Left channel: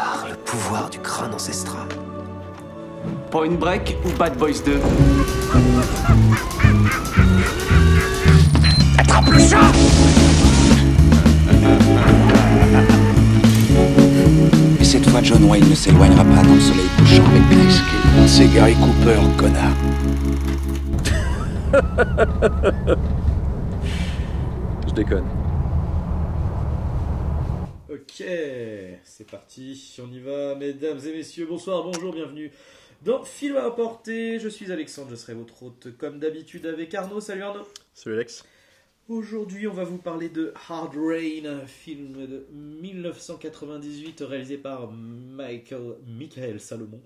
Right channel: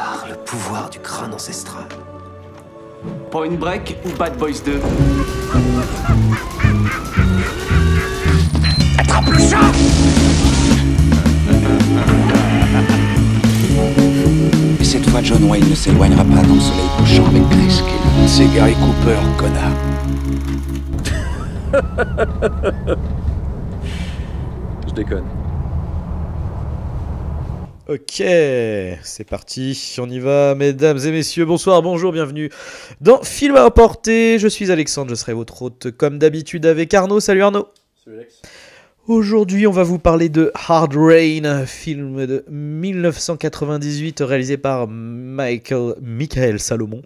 par le pouvoir du crâne ancestral. Point Break ou Bad Boys 2? Attrape le chat! Et cette fois, John Wayne ne s'éloignera pas dans le soleil couchant avec Grace Kelly. C'est Gary Cooper, connard. Je déconne. Ok, c'est parti, on y va, mesdames et messieurs, bonsoir, bonjour, bienvenue dans Film à emporter. Je suis Alexandre, je serai votre hôte comme d'habitude avec Arnaud. Salut Arnaud. Salut Alex. Aujourd'hui, on va vous parler de Hard Rain, film de 1998 réalisé par Michael Salomon,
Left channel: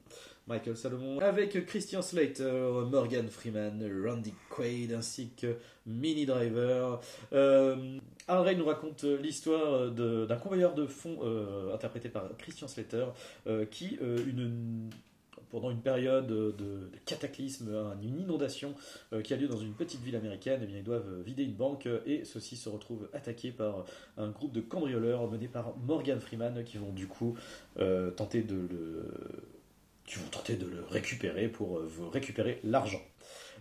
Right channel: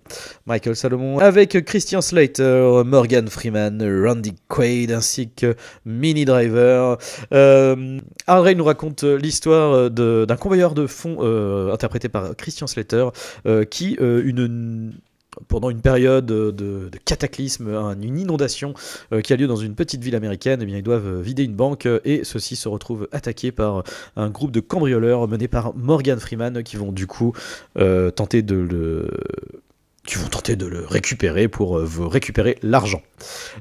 avec Christian Slater, Morgan Freeman, Randy Quaid ainsi que Minnie Driver. Hard Rain nous raconte l'histoire d'un convoyeur de fonds interprété par Christian Slater qui pendant une période de cataclysme, une inondation qui a lieu dans une petite ville américaine, eh bien, ils doivent vider une banque et ceux-ci se retrouvent attaqués par un groupe de cambrioleurs menés par Morgan Freeman qui vont du coup tenter de le récupérer pour vous récupérer l'argent.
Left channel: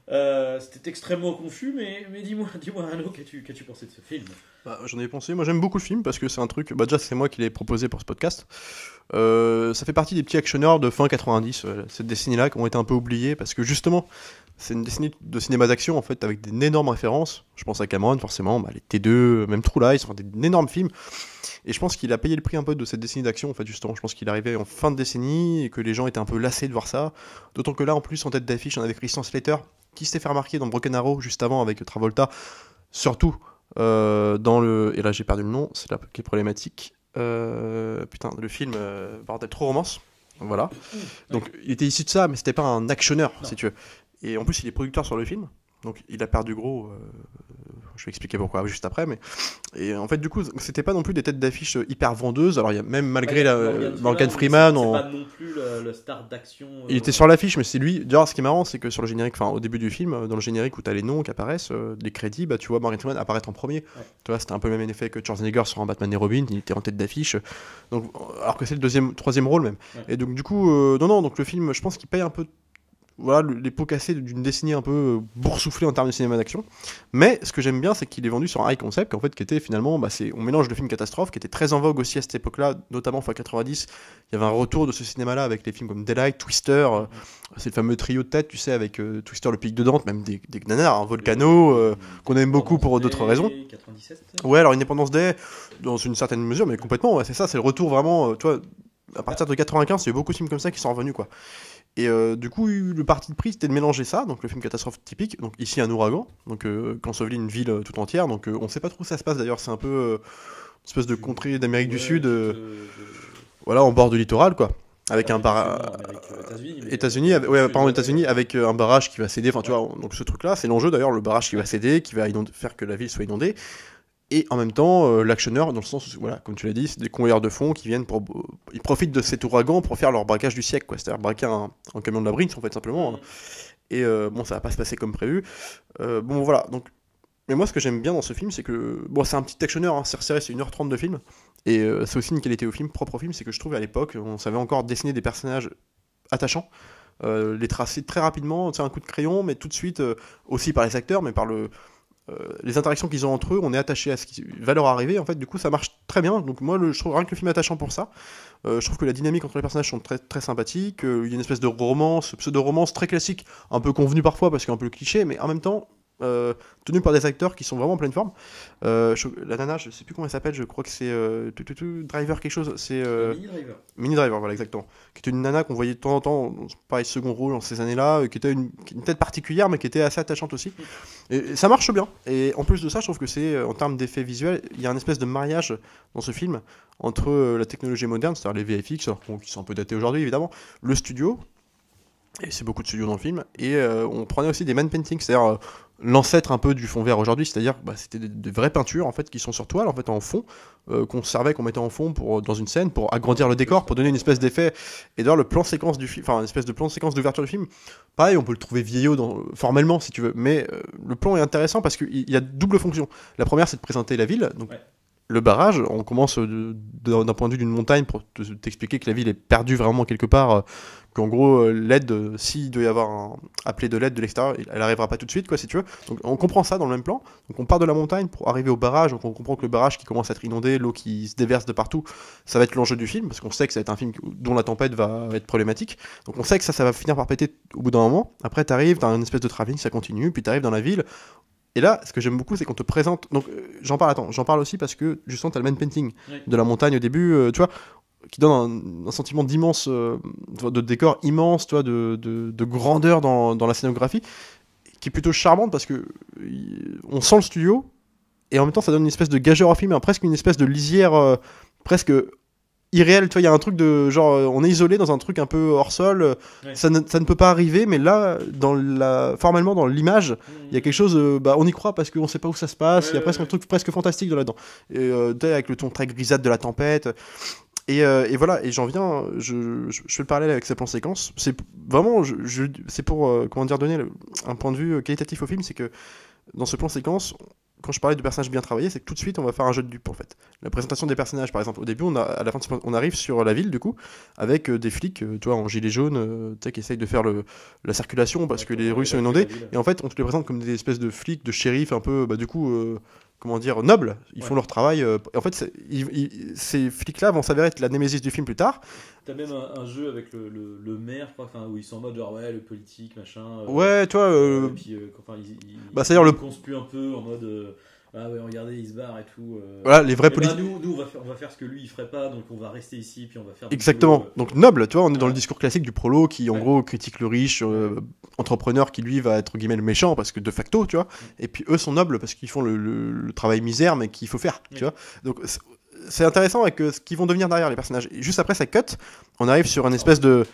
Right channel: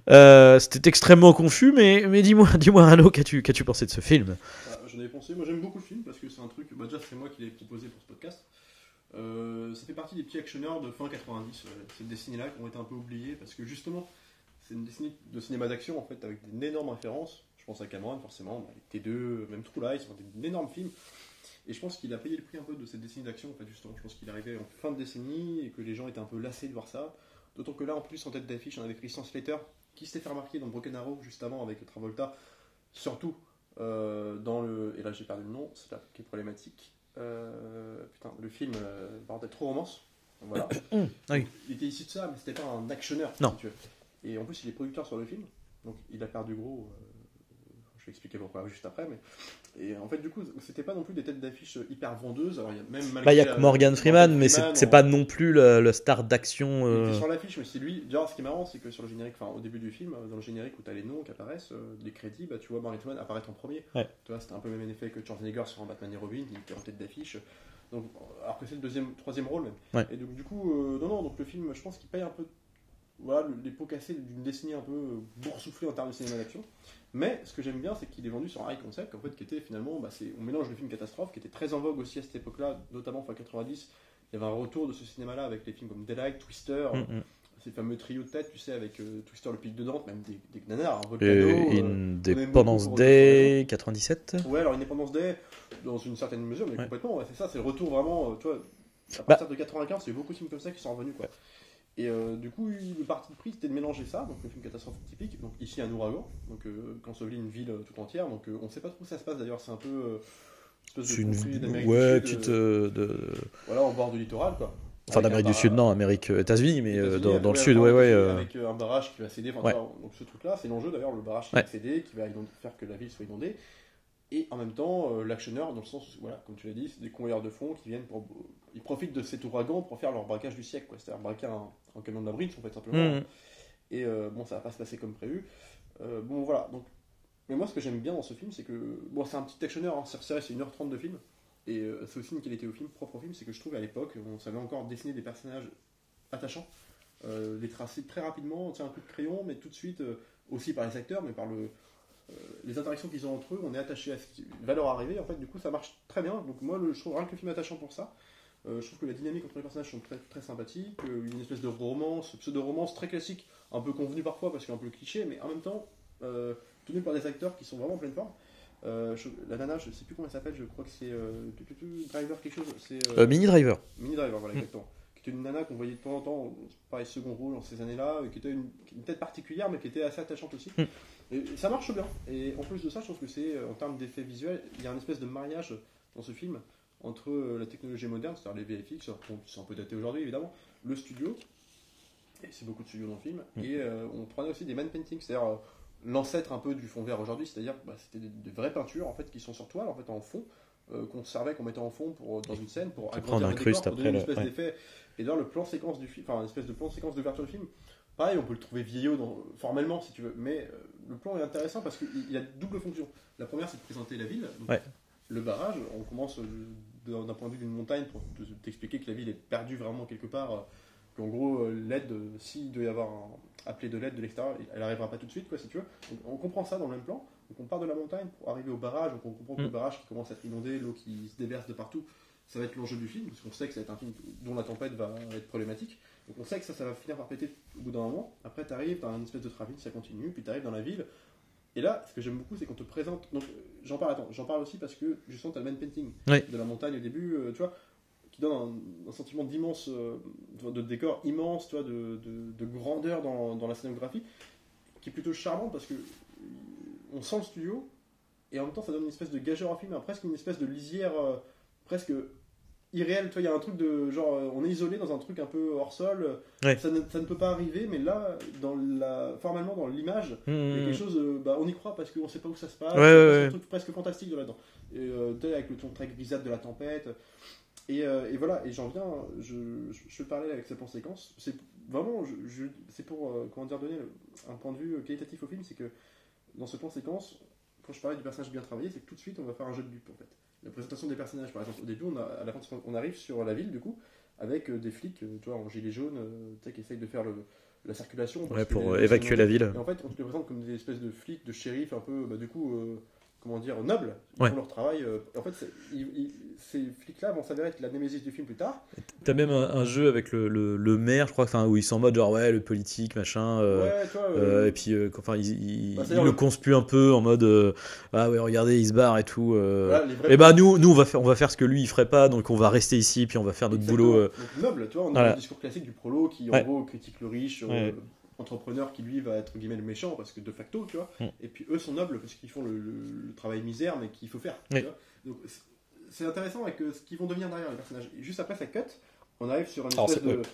C'était extrêmement confus, mais dis-moi Arnaud, qu'as-tu pensé de ce film ? J'en ai pensé, moi j'aime beaucoup le film parce que c'est un truc, déjà c'est moi qui l'ai proposé pour ce podcast. Ça fait partie des petits actionneurs de fin 90, cette décennie-là qui ont été un peu oubliés parce que justement c'est une décennie de cinéma d'action en fait avec d'énormes références. Je pense à Cameron forcément, les T2, même True Lies, enfin, des énormes films. Et je pense qu'il a payé le prix un peu de cette décennie d'action en fait justement. Je pense qu'il arrivait en fin de décennie et que les gens étaient un peu lassés de voir ça. D'autant que là en plus en tête d'affiche on avait Christian Slater qui s'était fait remarquer dans Broken Arrow juste avant avec Travolta, surtout dans le... Et là j'ai perdu le nom, c'est là qui est problématique. Le film bordel, Trop Romance, voilà. Donc il était issu de ça, mais c'était pas un actionneur, si tu veux. Et en plus il est producteur sur le film, donc il a perdu gros. Je vais expliquer pourquoi juste après, mais et en fait du coup c'était pas non plus des têtes d'affiche hyper vendeuses. Alors il y a même malgré Morgan Freeman, c'est pas non plus le star d'action. Il était sur l'affiche, mais c'est lui. D'ailleurs, ce qui est marrant, c'est que sur le générique, enfin au début du film, dans le générique où t'as les noms qui apparaissent, les crédits, tu vois Morgan Freeman apparaître en premier. Ouais. Tu vois, c'était un peu le même effet que Schwarzenegger sur un Batman et Robin, il était en tête d'affiche. Donc alors que c'est le troisième rôle même. Ouais. Et donc du coup, donc le film, je pense qu'il paye un peu. Voilà, les pots cassés d'une décennie un peu boursouflée en termes de cinéma d'action. Mais ce que j'aime bien, c'est qu'il est vendu sur un high concept, en fait, qui était finalement, on mélange de films catastrophes, qui était très en vogue aussi à cette époque-là, notamment fin 90. Il y avait un retour de ce cinéma-là avec les films comme Daylight, Twister, c'est le fameux trio de tête, tu sais, avec Twister, le pic de Dante, même des nanars, Volcano, qu'on aime beaucoup pour d'autres raisons. 97. Ouais, alors Independence Day, dans une certaine mesure, mais complètement, ouais, c'est ça, c'est le retour vraiment, tu vois, à partir de 95, il y a eu beaucoup de films comme ça qui sont revenus, quoi. Et du coup, le parti de pris c'était de mélanger ça, donc le film catastrophe typique, donc ici un ouragan, donc qu'ensevelit une ville tout entière, donc on sait pas trop où ça se passe d'ailleurs, c'est un peu une espèce de contrée d'Amérique du Sud, voilà, en bord du littoral quoi. Avec un barrage. États-Unis, mais États-Unis, avec un barrage qui va céder, enfin tu vois, donc ce truc-là, c'est l'enjeu d'ailleurs, le barrage qui va céder, qui va faire que la ville soit inondée. Et en même temps, l'actionneur, dans le sens où, voilà, comme tu l'as dit, c'est des convoyeurs de fonds qui viennent ils profitent de cet ouragan pour faire leur braquage du siècle, quoi. C'est-à-dire braquer un camion de la Brinks, en fait, simplement. Et ça va pas se passer comme prévu. Voilà. Donc... Mais moi, ce que j'aime bien dans ce film, c'est que... c'est un petit actionneur, c'est resserré, c'est 1h30 de film. Et c'est aussi une qualité propre au film, c'est que je trouve, à l'époque, on savait encore dessiner des personnages attachants. Les tracer très rapidement, c'est un coup de crayon, mais tout de suite, aussi par les acteurs, mais par les interactions qu'ils ont entre eux, on est attaché à ce qui va leur arriver, en fait, du coup ça marche très bien. Donc moi je trouve rien que le film est attachant pour ça. Je trouve que la dynamique entre les personnages sont très, très sympathiques, il y a une espèce de romance, pseudo-romance très classique, un peu convenue parfois parce qu'un peu cliché, mais en même temps tenu par des acteurs qui sont vraiment en pleine forme. La nana, je sais plus comment elle s'appelle, je crois que c'est Driver quelque chose, c'est Minnie Driver, voilà, exactement, qui était une nana qu'on voyait de temps en temps, pareil, second rôle dans ces années-là, qui était une tête particulière mais qui était assez attachante aussi. Et ça marche bien, et en plus de ça je trouve que c'est, en termes d'effets visuels, il y a un espèce de mariage dans ce film entre la technologie moderne, c'est-à-dire les VFX qui sont un peu datés aujourd'hui évidemment, le studio, et c'est beaucoup de studios dans le film, et on prenait aussi des man paintings, c'est-à-dire l'ancêtre un peu du fond vert aujourd'hui, c'est-à-dire c'était des vraies peintures en fait qui sont sur toile en fait en fond, qu'on mettait en fond dans une scène pour agrandir le décor, pour donner une espèce d'effet. Et d'ailleurs le plan séquence du film, enfin une espèce de plan séquence d'ouverture du film, pareil, on peut le trouver vieillot formellement si tu veux, mais le plan est intéressant parce qu'il y a double fonction. La première c'est de présenter la ville, donc le barrage, on commence d'un point de vue d'une montagne pour t'expliquer que la ville est perdue vraiment quelque part, qu'en gros l'aide, s'il doit y avoir appelé de l'aide de l'extérieur, elle arrivera pas tout de suite, quoi, si tu veux. Donc on comprend ça dans le même plan. Donc on part de la montagne pour arriver au barrage, donc on comprend que le barrage qui commence à être inondé, l'eau qui se déverse de partout, ça va être l'enjeu du film, parce qu'on sait que ça va être un film dont la tempête va être problématique. Donc on sait que ça va finir par péter au bout d'un moment. Après t'arrives, t'as une espèce de travelling, ça continue, puis t'arrives dans la ville. Et là, ce que j'aime beaucoup, c'est qu'on te présente. Donc, j'en parle aussi parce que justement, tu as le main painting de la montagne au début, tu vois, qui donne un sentiment d'immense, de décor immense, tu vois, de grandeur dans la scénographie, qui est plutôt charmante parce que on sent le studio et en même temps, ça donne une espèce de gageure au film, presque une espèce de lisière, presque irréel, tu vois, il y a un truc de genre on est isolé dans un truc un peu hors sol, ça ne peut pas arriver, mais là formellement dans l'image, il y a quelque chose, on y croit parce qu'on sait pas où ça se passe, il y a presque un truc presque fantastique là-dedans. Et avec le ton très grisâtre de la tempête. Et voilà, et j'en viens, je fais le parallèle avec ces plans séquences. C'est vraiment, c'est pour comment dire, donner un point de vue qualitatif au film, c'est que dans ce plan séquence, quand je parlais de personnages bien travaillés, c'est que tout de suite on va faire un jeu de dupes en fait. La présentation des personnages, par exemple, au début, à la fin, on arrive sur la ville du coup, avec des flics, tu vois, en gilet jaune, qui essayent de faire la circulation parce que les rues sont inondées. Et en fait, on te les présente comme des espèces de flics, de shérifs, un peu, du coup, comment dire, nobles. Ils font leur travail. En fait, ces flics-là vont s'avérer être la némésis du film plus tard. T'as même un jeu avec le maire, je crois, où ils sont en mode genre le politique, machin. Ouais, toi. Et puis, ils c'est-à-dire le conspuent un peu en mode regardez, il se barre et tout. Voilà, les vrais. Et nous on va faire ce que lui il ferait pas, donc on va rester ici, puis on va faire notre exactement. boulot. Donc noble, tu vois, on est dans le discours classique du prolo qui en gros critique le riche. Entrepreneur qui lui va être guillemets le méchant parce que de facto, tu vois, et puis eux sont nobles parce qu'ils font le travail misère mais qu'il faut faire, tu vois. Donc c'est intéressant avec ce qu'ils vont devenir derrière les personnages. Et juste après ça cut, on arrive sur une espèce de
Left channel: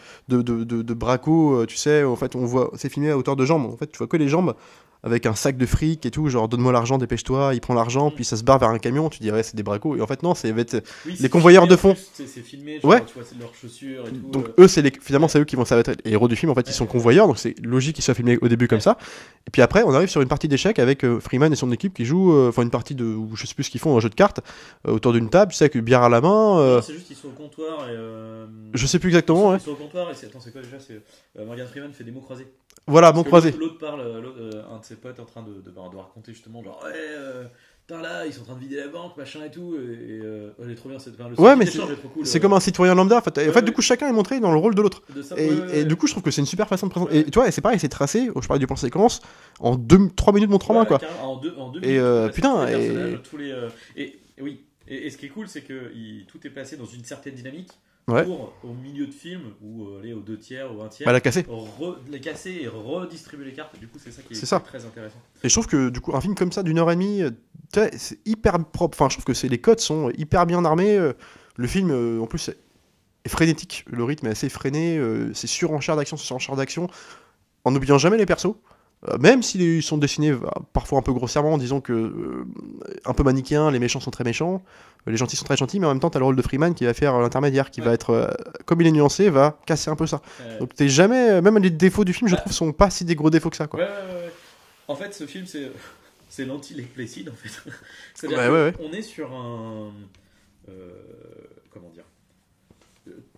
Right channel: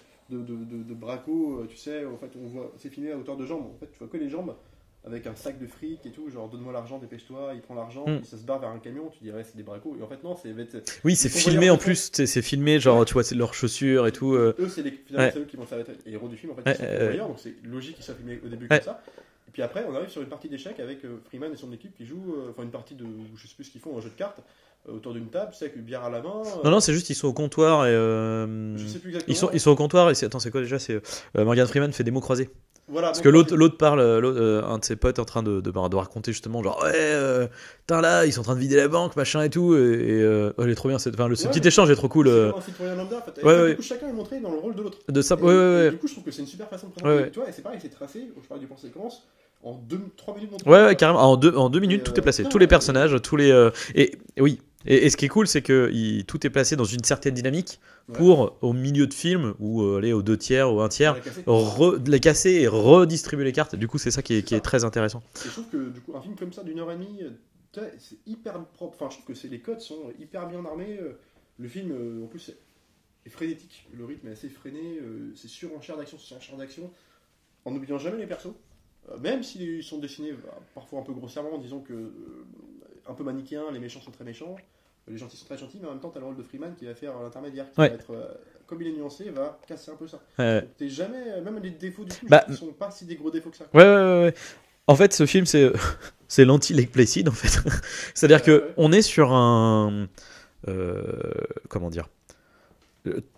braco, tu sais, en fait on voit, c'est filmé à hauteur de jambes, en fait tu vois que les jambes avec un sac de fric et tout, genre donne-moi l'argent, dépêche-toi, il prend l'argent, puis ça se barre vers un camion, tu dirais c'est des bracos, et en fait non, c'est des convoyeurs de fond. C'est filmé, genre tu vois, c'est leurs chaussures et tout. Donc, eux, finalement, c'est eux qui vont être les héros du film, en fait, ils sont convoyeurs, donc c'est logique qu'ils soient filmés au début comme ça. Et puis après, on arrive sur une partie d'échecs avec Freeman et son équipe qui jouent, une partie de, je sais plus ce qu'ils font, un jeu de cartes, autour d'une table, tu sais, avec une bière à la main. Non, c'est juste, ils sont au comptoir et. Je sais plus exactement. Ils sont au comptoir et c'est quoi déjà, c'est Morgan Freeman fait des mots croisés. Voilà, parce que l'autre parle, un de ses potes est en train de raconter justement genre là ils sont en train de vider la banque machin et tout et elle est trop bien le petit échange est trop cool. C'est comme un citoyen lambda en fait. Du coup chacun est montré dans le rôle de l'autre. Et du coup je trouve que c'est une super façon de présenter. Et tu vois, et c'est pareil, c'est tracé. Je parlais du plan séquence en 3 minutes mon travail. Carrément en 2 minutes tout est placé, tous les personnages, tous les et oui. Et ce qui est cool, c'est que tout est placé dans une certaine dynamique pour, au milieu de film, ou aller aux 2/3 ou 1/3, les casser et redistribuer les cartes. Du coup, c'est ça qui est très intéressant. Et je trouve que du coup, un film comme ça, d'1h30, c'est hyper propre. Enfin, je trouve que les codes sont hyper bien armés. Le film, en plus, est frénétique. Le rythme est assez freiné. C'est surenchère d'action, en n'oubliant jamais les persos. Même s'ils sont dessinés parfois un peu grossièrement, disons que un peu manichéens, les méchants sont très méchants, les gentils sont très gentils, mais en même temps t'as le rôle de Freeman qui va faire l'intermédiaire, qui va être, comme il est nuancé, va casser un peu ça. Donc t'es jamais, même les défauts du film, je trouve, sont pas si des gros défauts que ça, quoi. Ouais. En fait, ce film, c'est l'anti-Lake Placid, en fait. C'est-à-dire qu'on est sur un... comment dire,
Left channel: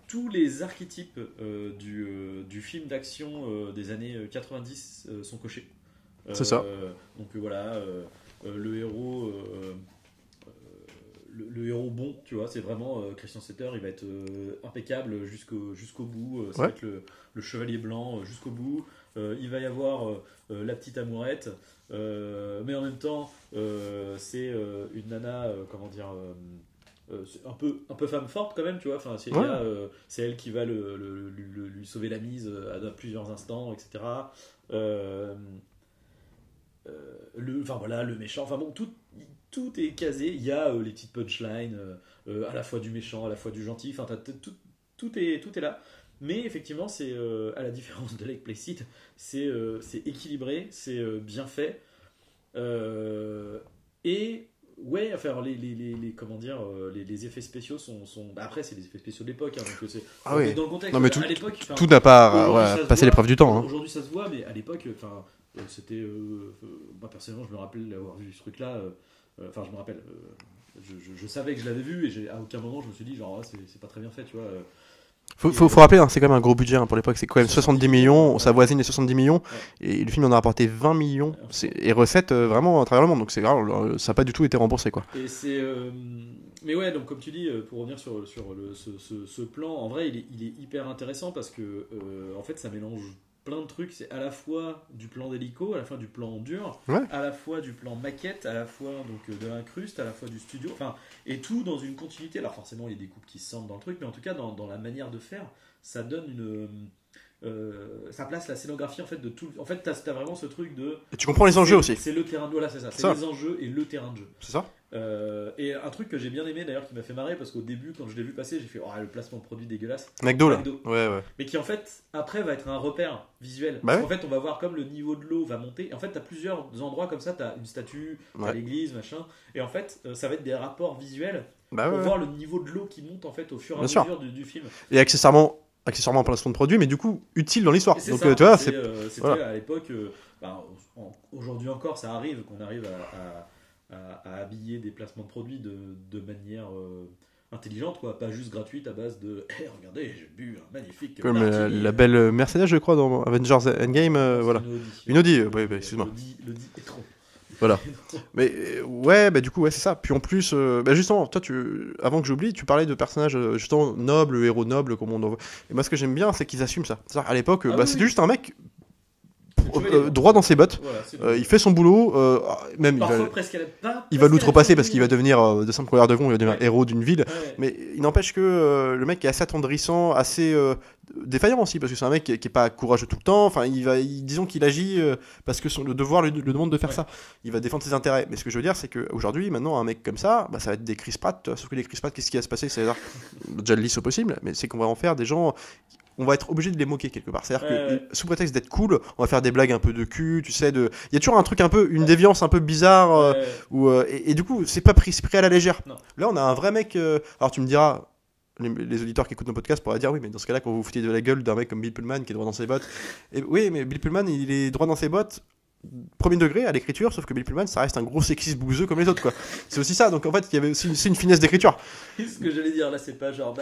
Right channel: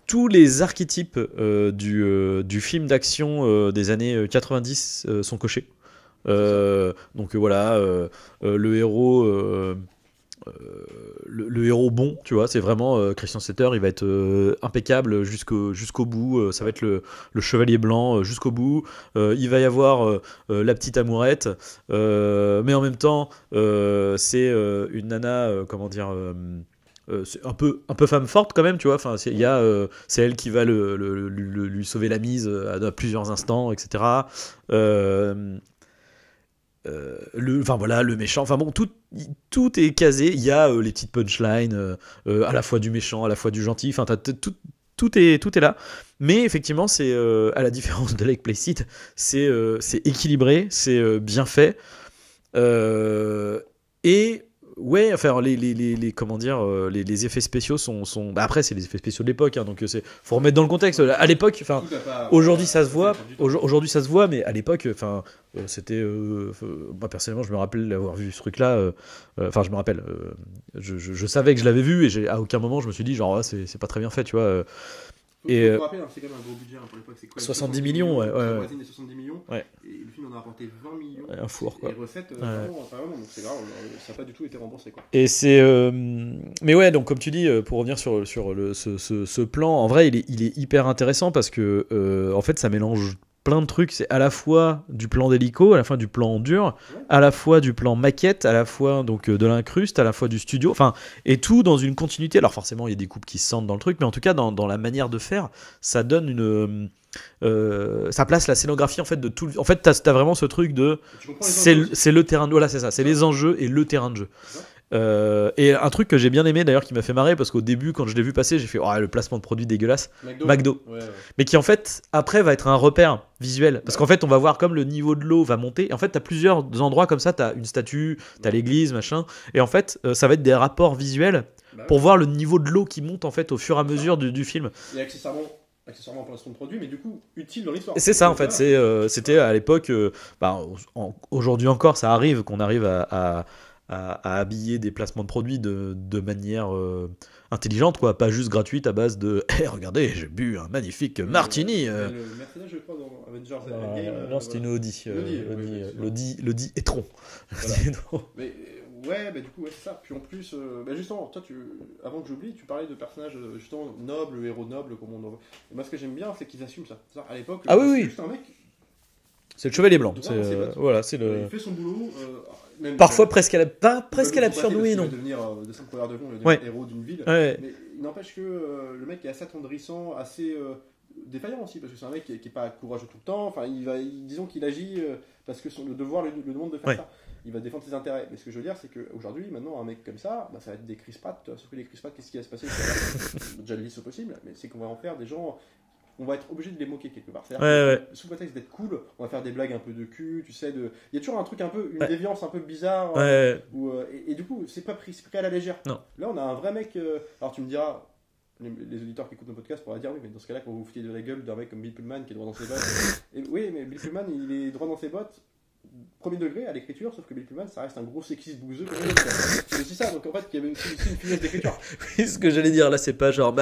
tous les archétypes du film d'action des années 90 sont cochés. Donc voilà, le héros... le héros bon, tu vois, c'est vraiment Christian Slater, il va être impeccable jusqu'au bout, ça va être le chevalier blanc jusqu'au bout, il va y avoir la petite amourette, mais en même temps c'est une nana, comment dire, c'est un peu femme forte quand même, tu vois, enfin, c'est elle qui va lui sauver la mise à plusieurs instants, etc. Le méchant, enfin bon, tout est casé. Il y a les petites punchlines à la fois du méchant, à la fois du gentil, enfin tout est là. Mais effectivement, c'est à la différence de Lake Placid, c'est équilibré, c'est bien fait, et Ouais, enfin comment dire, les effets spéciaux sont... Bah, après c'est les effets spéciaux de l'époque, hein, donc faut remettre dans le contexte. Non, mais À l'époque, tout n'a pas aujourd'hui ça se passé voit. l'épreuve du temps. Hein. Aujourd'hui ça se voit, mais à l'époque, enfin c'était, moi personnellement je me rappelle d'avoir vu ce truc-là. Enfin je me rappelle, je savais que je l'avais vu et à aucun moment je me suis dit genre c'est pas très bien fait, tu vois. Faut rappeler, hein, c'est quand même un gros budget hein, pour l'époque, c'est quand même 70 millions, ouais, ça voisine les 70 millions, et le film en a rapporté 20 millions, et recettes vraiment à travers le monde, donc c'est grave, ça n'a pas du tout été remboursé quoi. Et mais ouais, donc comme tu dis, pour revenir sur ce plan, en vrai il est hyper intéressant parce que en fait ça mélange plein de trucs, c'est à la fois du plan d'hélico, à la fois du plan dur, à la fois du plan maquette, à la fois donc de l'incruste, à la fois du studio, enfin et tout dans une continuité. Alors forcément il y a des coupes qui se sentent dans le truc, mais en tout cas dans la manière de faire, ça donne une ça place la scénographie en fait de tout. En fait t'as vraiment ce truc de. Et tu comprends les enjeux aussi. C'est le terrain de voilà c'est ça, c'est les enjeux et le terrain de jeu. C'est ça. Et un truc que j'ai bien aimé d'ailleurs qui m'a fait marrer parce qu'au début quand je l'ai vu passer j'ai fait le placement de produit dégueulasse McDo. Ouais. Mais qui en fait après va être un repère visuel parce qu'en fait on va voir comme le niveau de l'eau va monter et en fait t'as plusieurs endroits comme ça, t'as une statue, t'as l'église machin et en fait ça va être des rapports visuels pour voir le niveau de l'eau qui monte en fait au fur et à mesure du film. Et accessoirement un placement de produit mais du coup utile dans l'histoire. C'est ça en fait, c'était à l'époque aujourd'hui encore ça arrive qu'on arrive à habiller des placements de produits de manière intelligente, quoi, pas juste gratuite à base de regardez, j'ai bu un magnifique martini. La belle Mercedes, je crois, dans Avengers Endgame. Voilà. Une Audi. L'Audi e-tron. Voilà. Mais ouais, bah du coup, ouais, c'est ça. Puis en plus, justement, toi, avant que j'oublie, tu parlais de personnages justement nobles, héros nobles, comme on en voit. Et moi, ce que j'aime bien, c'est qu'ils assument ça. C'est-à-dire, à l'époque, c'était juste un mec. C'est le chevalier blanc. Droit dans ses bottes. Voilà, il fait son boulot. Même parfois presque à la. Il va l'outrepasser parce qu'il va devenir de simple coureur de fond, il va devenir héros d'une ville. Ouais. Mais il n'empêche que le mec est assez attendrissant, assez défaillant aussi, parce que c'est un mec qui est pas courageux tout le temps. Enfin, disons qu'il agit parce que le devoir le demande de faire ça. Il va défendre ses intérêts. Mais ce que je veux dire, c'est qu'aujourd'hui, maintenant, un mec comme ça, ça va être des Chris Pratt. Sauf que les Chris Pratt, qu'est-ce qui va se passer? C'est déjà le lisse au possible, mais c'est qu'on va en faire des gens. On va être obligé de les moquer quelque part. C'est-à-dire que, sous prétexte d'être cool, on va faire des blagues un peu de cul, tu sais. Il y a toujours un truc un peu, une déviance un peu bizarre. Et du coup, c'est pas pris à la légère. Non. Là, on a un vrai mec. Alors, tu me diras, les auditeurs qui écoutent nos podcasts pourraient dire oui, mais dans ce cas-là, quand vous vous foutez de la gueule d'un mec comme Bill Pullman qui est droit dans ses bottes. Oui, mais Bill Pullman, il est droit dans ses bottes. Premier degré à l'écriture, sauf que Bill Pullman ça reste un gros sexiste bouseux comme les autres quoi. C'est aussi ça, donc en fait il y avait aussi une finesse d'écriture. Ce que j'allais dire là, c'est pas genre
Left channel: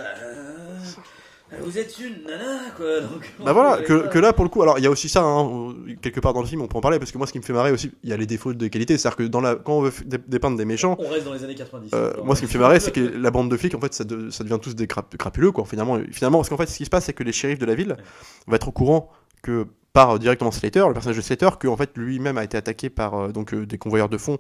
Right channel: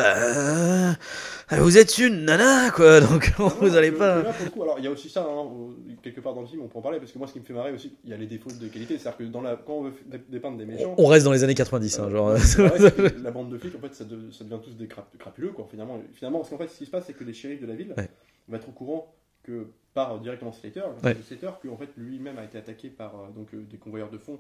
vous êtes une nana quoi, donc voilà, que là pour le coup, alors il y a aussi ça hein, quelque part dans le film on peut en parler parce que moi ce qui me fait marrer aussi, il y a les défauts de qualité, c'est-à-dire que quand on veut dépeindre des méchants, on reste dans les années 90 moi ce qui me fait marrer c'est que la bande de flics en fait ça devient tous des crapuleux quoi finalement parce qu'en fait ce qui se passe c'est que les shérifs de la ville vont être au courant que par directement Slater, le personnage de Slater, que en fait lui-même a été attaqué par des convoyeurs de fonds,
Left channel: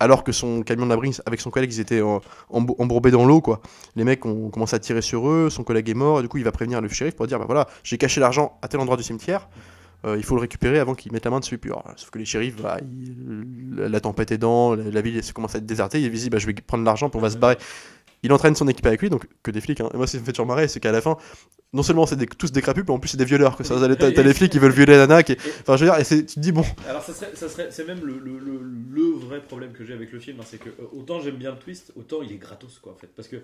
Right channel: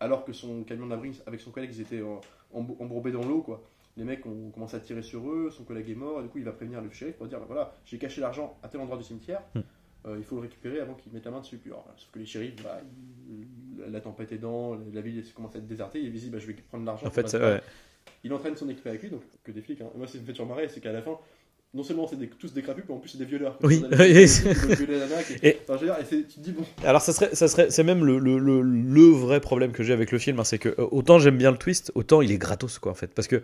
alors que son camion d'abri avec son collègue ils étaient embourbés dans l'eau quoi. Les mecs ont commencé à tirer sur eux, son collègue est mort et du coup il va prévenir le shérif pour dire voilà j'ai caché l'argent à tel endroit du cimetière. Il faut le récupérer avant qu'ils mettent la main dessus. Puis, sauf que les shérifs, la tempête aidant, la ville commence à être désertée. Il dit je vais prendre l'argent pour se barrer. Il entraîne son équipe avec lui, donc que des flics. Hein. Et moi, ce qui me fait toujours marrer, c'est qu'à la fin, non seulement c'est tous des crapus, mais en plus c'est des violeurs. T'as des flics qui veulent violer la nana. Enfin, je veux dire, tu te dis bon. Alors, c'est même le vrai problème que j'ai avec le film, hein, c'est que autant j'aime bien le twist, autant il est gratos, quoi, en fait. Parce que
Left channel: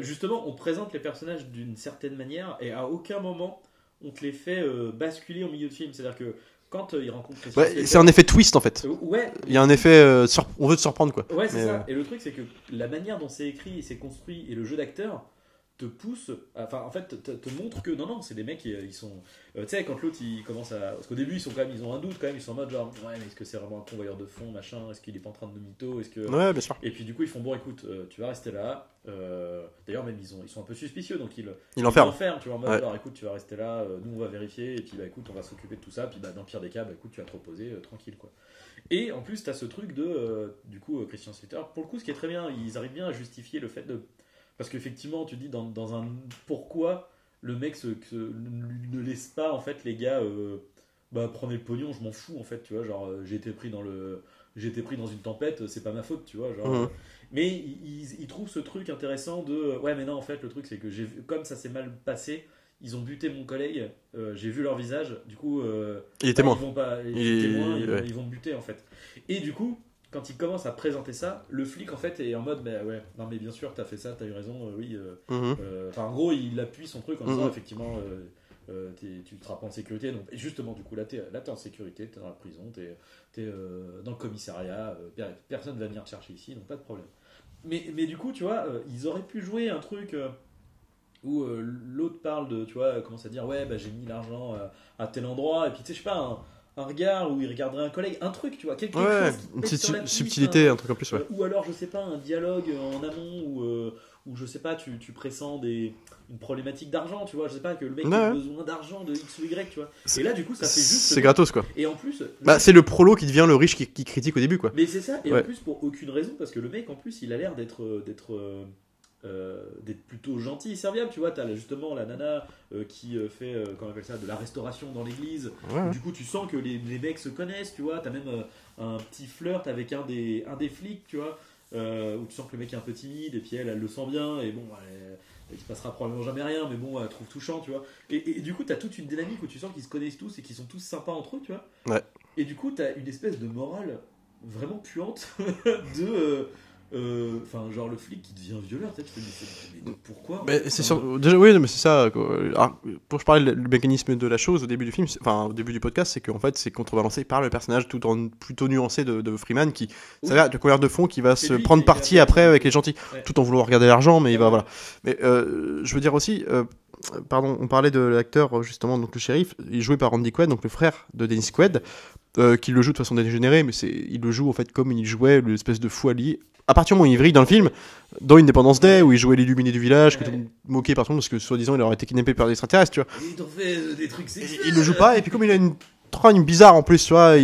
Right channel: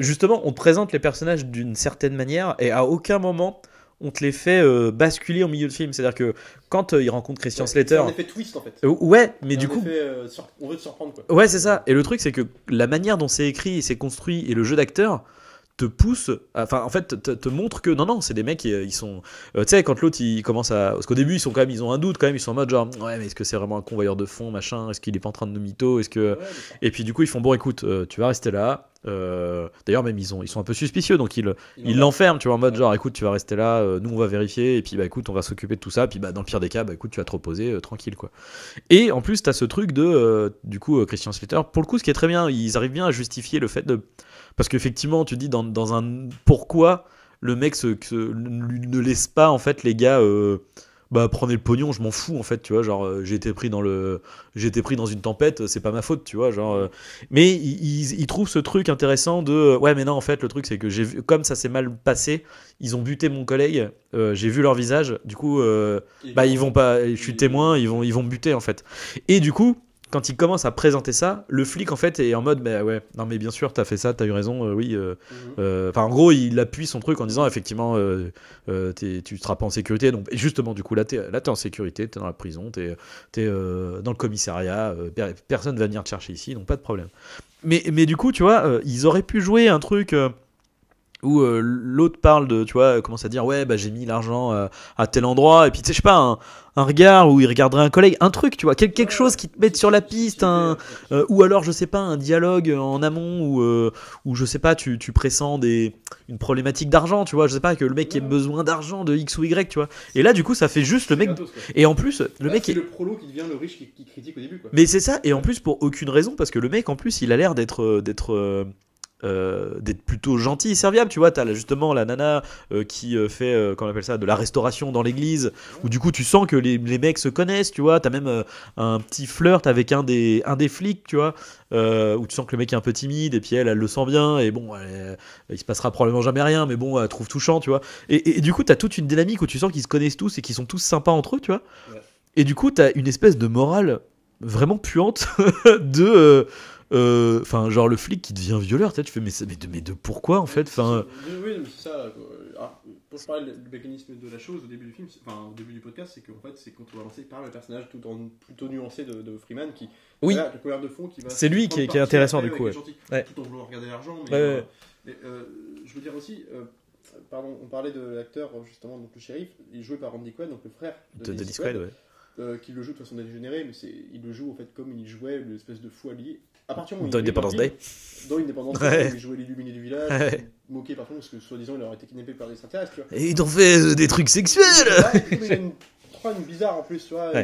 justement, on te présente les personnages d'une certaine manière, et à aucun moment on te les fait basculer au milieu de film. C'est-à-dire que quand il rencontre Christian Slater, c'est un effet twist en fait. Mais il y a un effet on veut te surprendre quoi. Ouais, c'est ça. Et le truc c'est que la manière dont c'est écrit et c'est construit et le jeu d'acteur te pousse, enfin en fait te montre que non c'est des mecs ils sont tu sais quand l'autre il commence à, parce qu'au début ils ont un doute quand même, ils sont en mode genre ouais mais est-ce que c'est vraiment un convoyeur de fonds machin, est-ce qu'il est pas en train de mytho, est-ce que et puis du coup ils font bon écoute tu vas rester là, d'ailleurs même ils sont un peu suspicieux donc ils l'enferment tu vois en mode genre écoute tu vas rester là, nous on va vérifier et puis écoute on va s'occuper de tout ça, puis dans le pire des cas écoute tu vas te reposer tranquille quoi. Et en plus t'as ce truc de du coup Christian Slater pour le coup, ce qui est très bien, ils arrivent bien à justifier le fait de, parce qu'effectivement, tu dis dans un pourquoi le mec ne laisse pas en fait les gars prenez le pognon, je m'en fous en fait, tu vois, genre j'ai été pris dans une tempête, c'est pas ma faute, tu vois, genre mais ils trouvent ce truc intéressant de ouais mais non en fait le truc c'est que j'ai vu comme ça s'est mal passé, ils ont buté mon collègue, j'ai vu leur visage, du coup ils vont pas, je suis témoin, ils vont me buter en fait. Et du coup quand il commence à présenter ça, le flic en fait est en mode bah ouais, non mais bien sûr t'as fait ça, t'as eu raison, oui. Enfin en gros il appuie son truc en disant effectivement tu seras pas en sécurité, donc et justement du coup là t'es en sécurité, t'es dans la prison, t'es dans le commissariat, personne va venir te chercher ici, donc pas de problème. Mais du coup tu vois, ils auraient pu jouer un truc où l'autre parle de, tu vois, commence à dire ouais bah j'ai mis l'argent à tel endroit, et puis tu sais je sais pas un regard où il regarderait un collègue, un truc, tu vois, quelque chose qui te mette sur la piste, un truc en plus, ou alors je sais pas un dialogue en amont où je sais pas tu pressens une problématique d'argent, tu vois, je sais pas que le mec ait besoin d'argent de X ou Y, tu vois, et là du coup ça fait juste c'est gratos quoi, et en plus c'est le prolo qui devient le riche qui critique au début quoi, mais c'est ça, et en plus pour aucune raison, parce que le mec en plus il a l'air d'être plutôt gentil et serviable, tu vois, t'as justement la nana qui fait comment on appelle ça, de la restauration dans l'église, où du coup tu sens que les mecs se connaissent, tu vois, t'as même un petit flirt avec un des flics, tu vois, où tu sens que le mec est un peu timide, et puis elle le sent bien, et bon il se passera probablement jamais rien, mais bon elle trouve touchant, tu vois, et du coup t'as toute une dynamique où tu sens qu'ils se connaissent tous et qu'ils sont tous sympas entre eux, tu vois, et du coup t'as une espèce de morale vraiment puante de enfin genre le flic qui devient violeur, tu fais mais de pourquoi en fait déjà oui mais c'est ça. Alors, pour je parlais du mécanisme de la chose au début du film, enfin au début du podcast, c'est qu'en fait c'est contrebalancé par le personnage tout en plutôt nuancé de Freeman qui de couleur de fond qui va se prendre parti après avec les gentils, tout en voulant regarder l'argent, mais voilà. Mais je veux dire aussi pardon, on parlait de l'acteur justement, donc le shérif, il est joué par Randy Quaid, donc le frère de Dennis Quaid, qui le joue de façon dégénérée, mais il le joue en fait comme il jouait l'espèce de fou allié. À partir du moment où il brille dans le film, dans Independence Day, où il jouait l'illuminé du village, moqué par tout le monde parce que soi-disant il aurait été kidnappé par des extraterrestres, tu vois. Et ils ont fait des trucs sexuels. Il joue pas, et puis comme il a une trogne bizarre en plus, tu vois,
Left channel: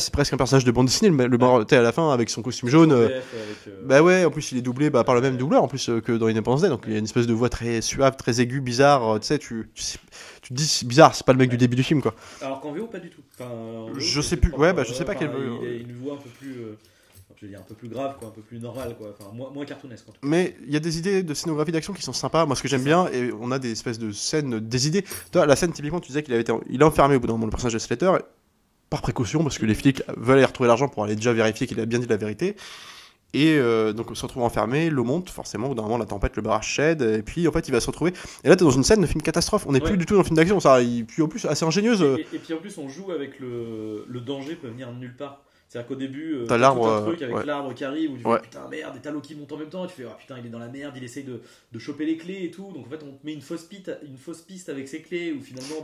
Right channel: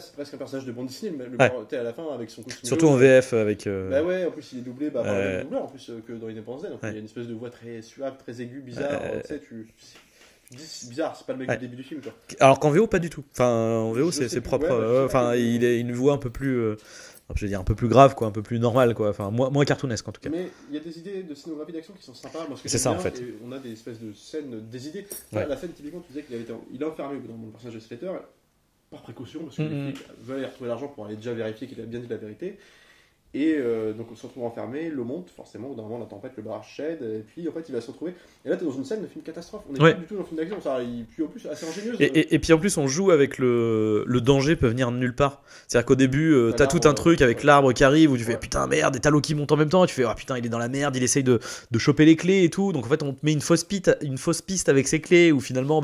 c'est presque un personnage de bande dessinée, à la fin avec son costume surtout jaune. En VF avec. Bah ouais, en plus il est doublé par le même doubleur en plus que dans Independence Day, donc il y a une espèce de voix très suave, très aiguë, bizarre, tu sais, tu te dis c'est bizarre, c'est pas le mec du début du film quoi. Alors qu'en VO pas du tout. Enfin en VO c'est propre. Je sais pas il a une voix un peu plus je vais dire un peu plus grave quoi, un peu plus normal quoi, enfin moins cartoonesque en tout cas. Mais il y a des idées de scénographie d'action qui sont sympas, moi ce que j'aime bien, en fait. Et on a des espèces de scènes, des idées. Toi la scène typiquement tu disais qu'il il est enfermé au bout d'un moment, le personnage de Slater, par précaution parce que les flics veulent aller retrouver l'argent pour aller déjà vérifier qu'il a bien dit la vérité. Et donc on se retrouve enfermé, l'eau monte forcément, au bout d'un moment la tempête, le barrage cède, et puis en fait il va se retrouver. Et là t'es dans une scène de film catastrophe, on n'est plus du tout dans un film d'action, ça, puis en plus assez ingénieuse. Et puis en plus on joue avec le danger peut venir de nulle part. C'est-à-dire qu'au début t'as tout un truc avec l'arbre qui arrive où tu fais putain merde, et t'as l'eau qui monte en même temps, et tu fais putain il est dans la merde, il essaye de choper les clés et tout, donc en fait on te met une fausse piste avec ses clés où finalement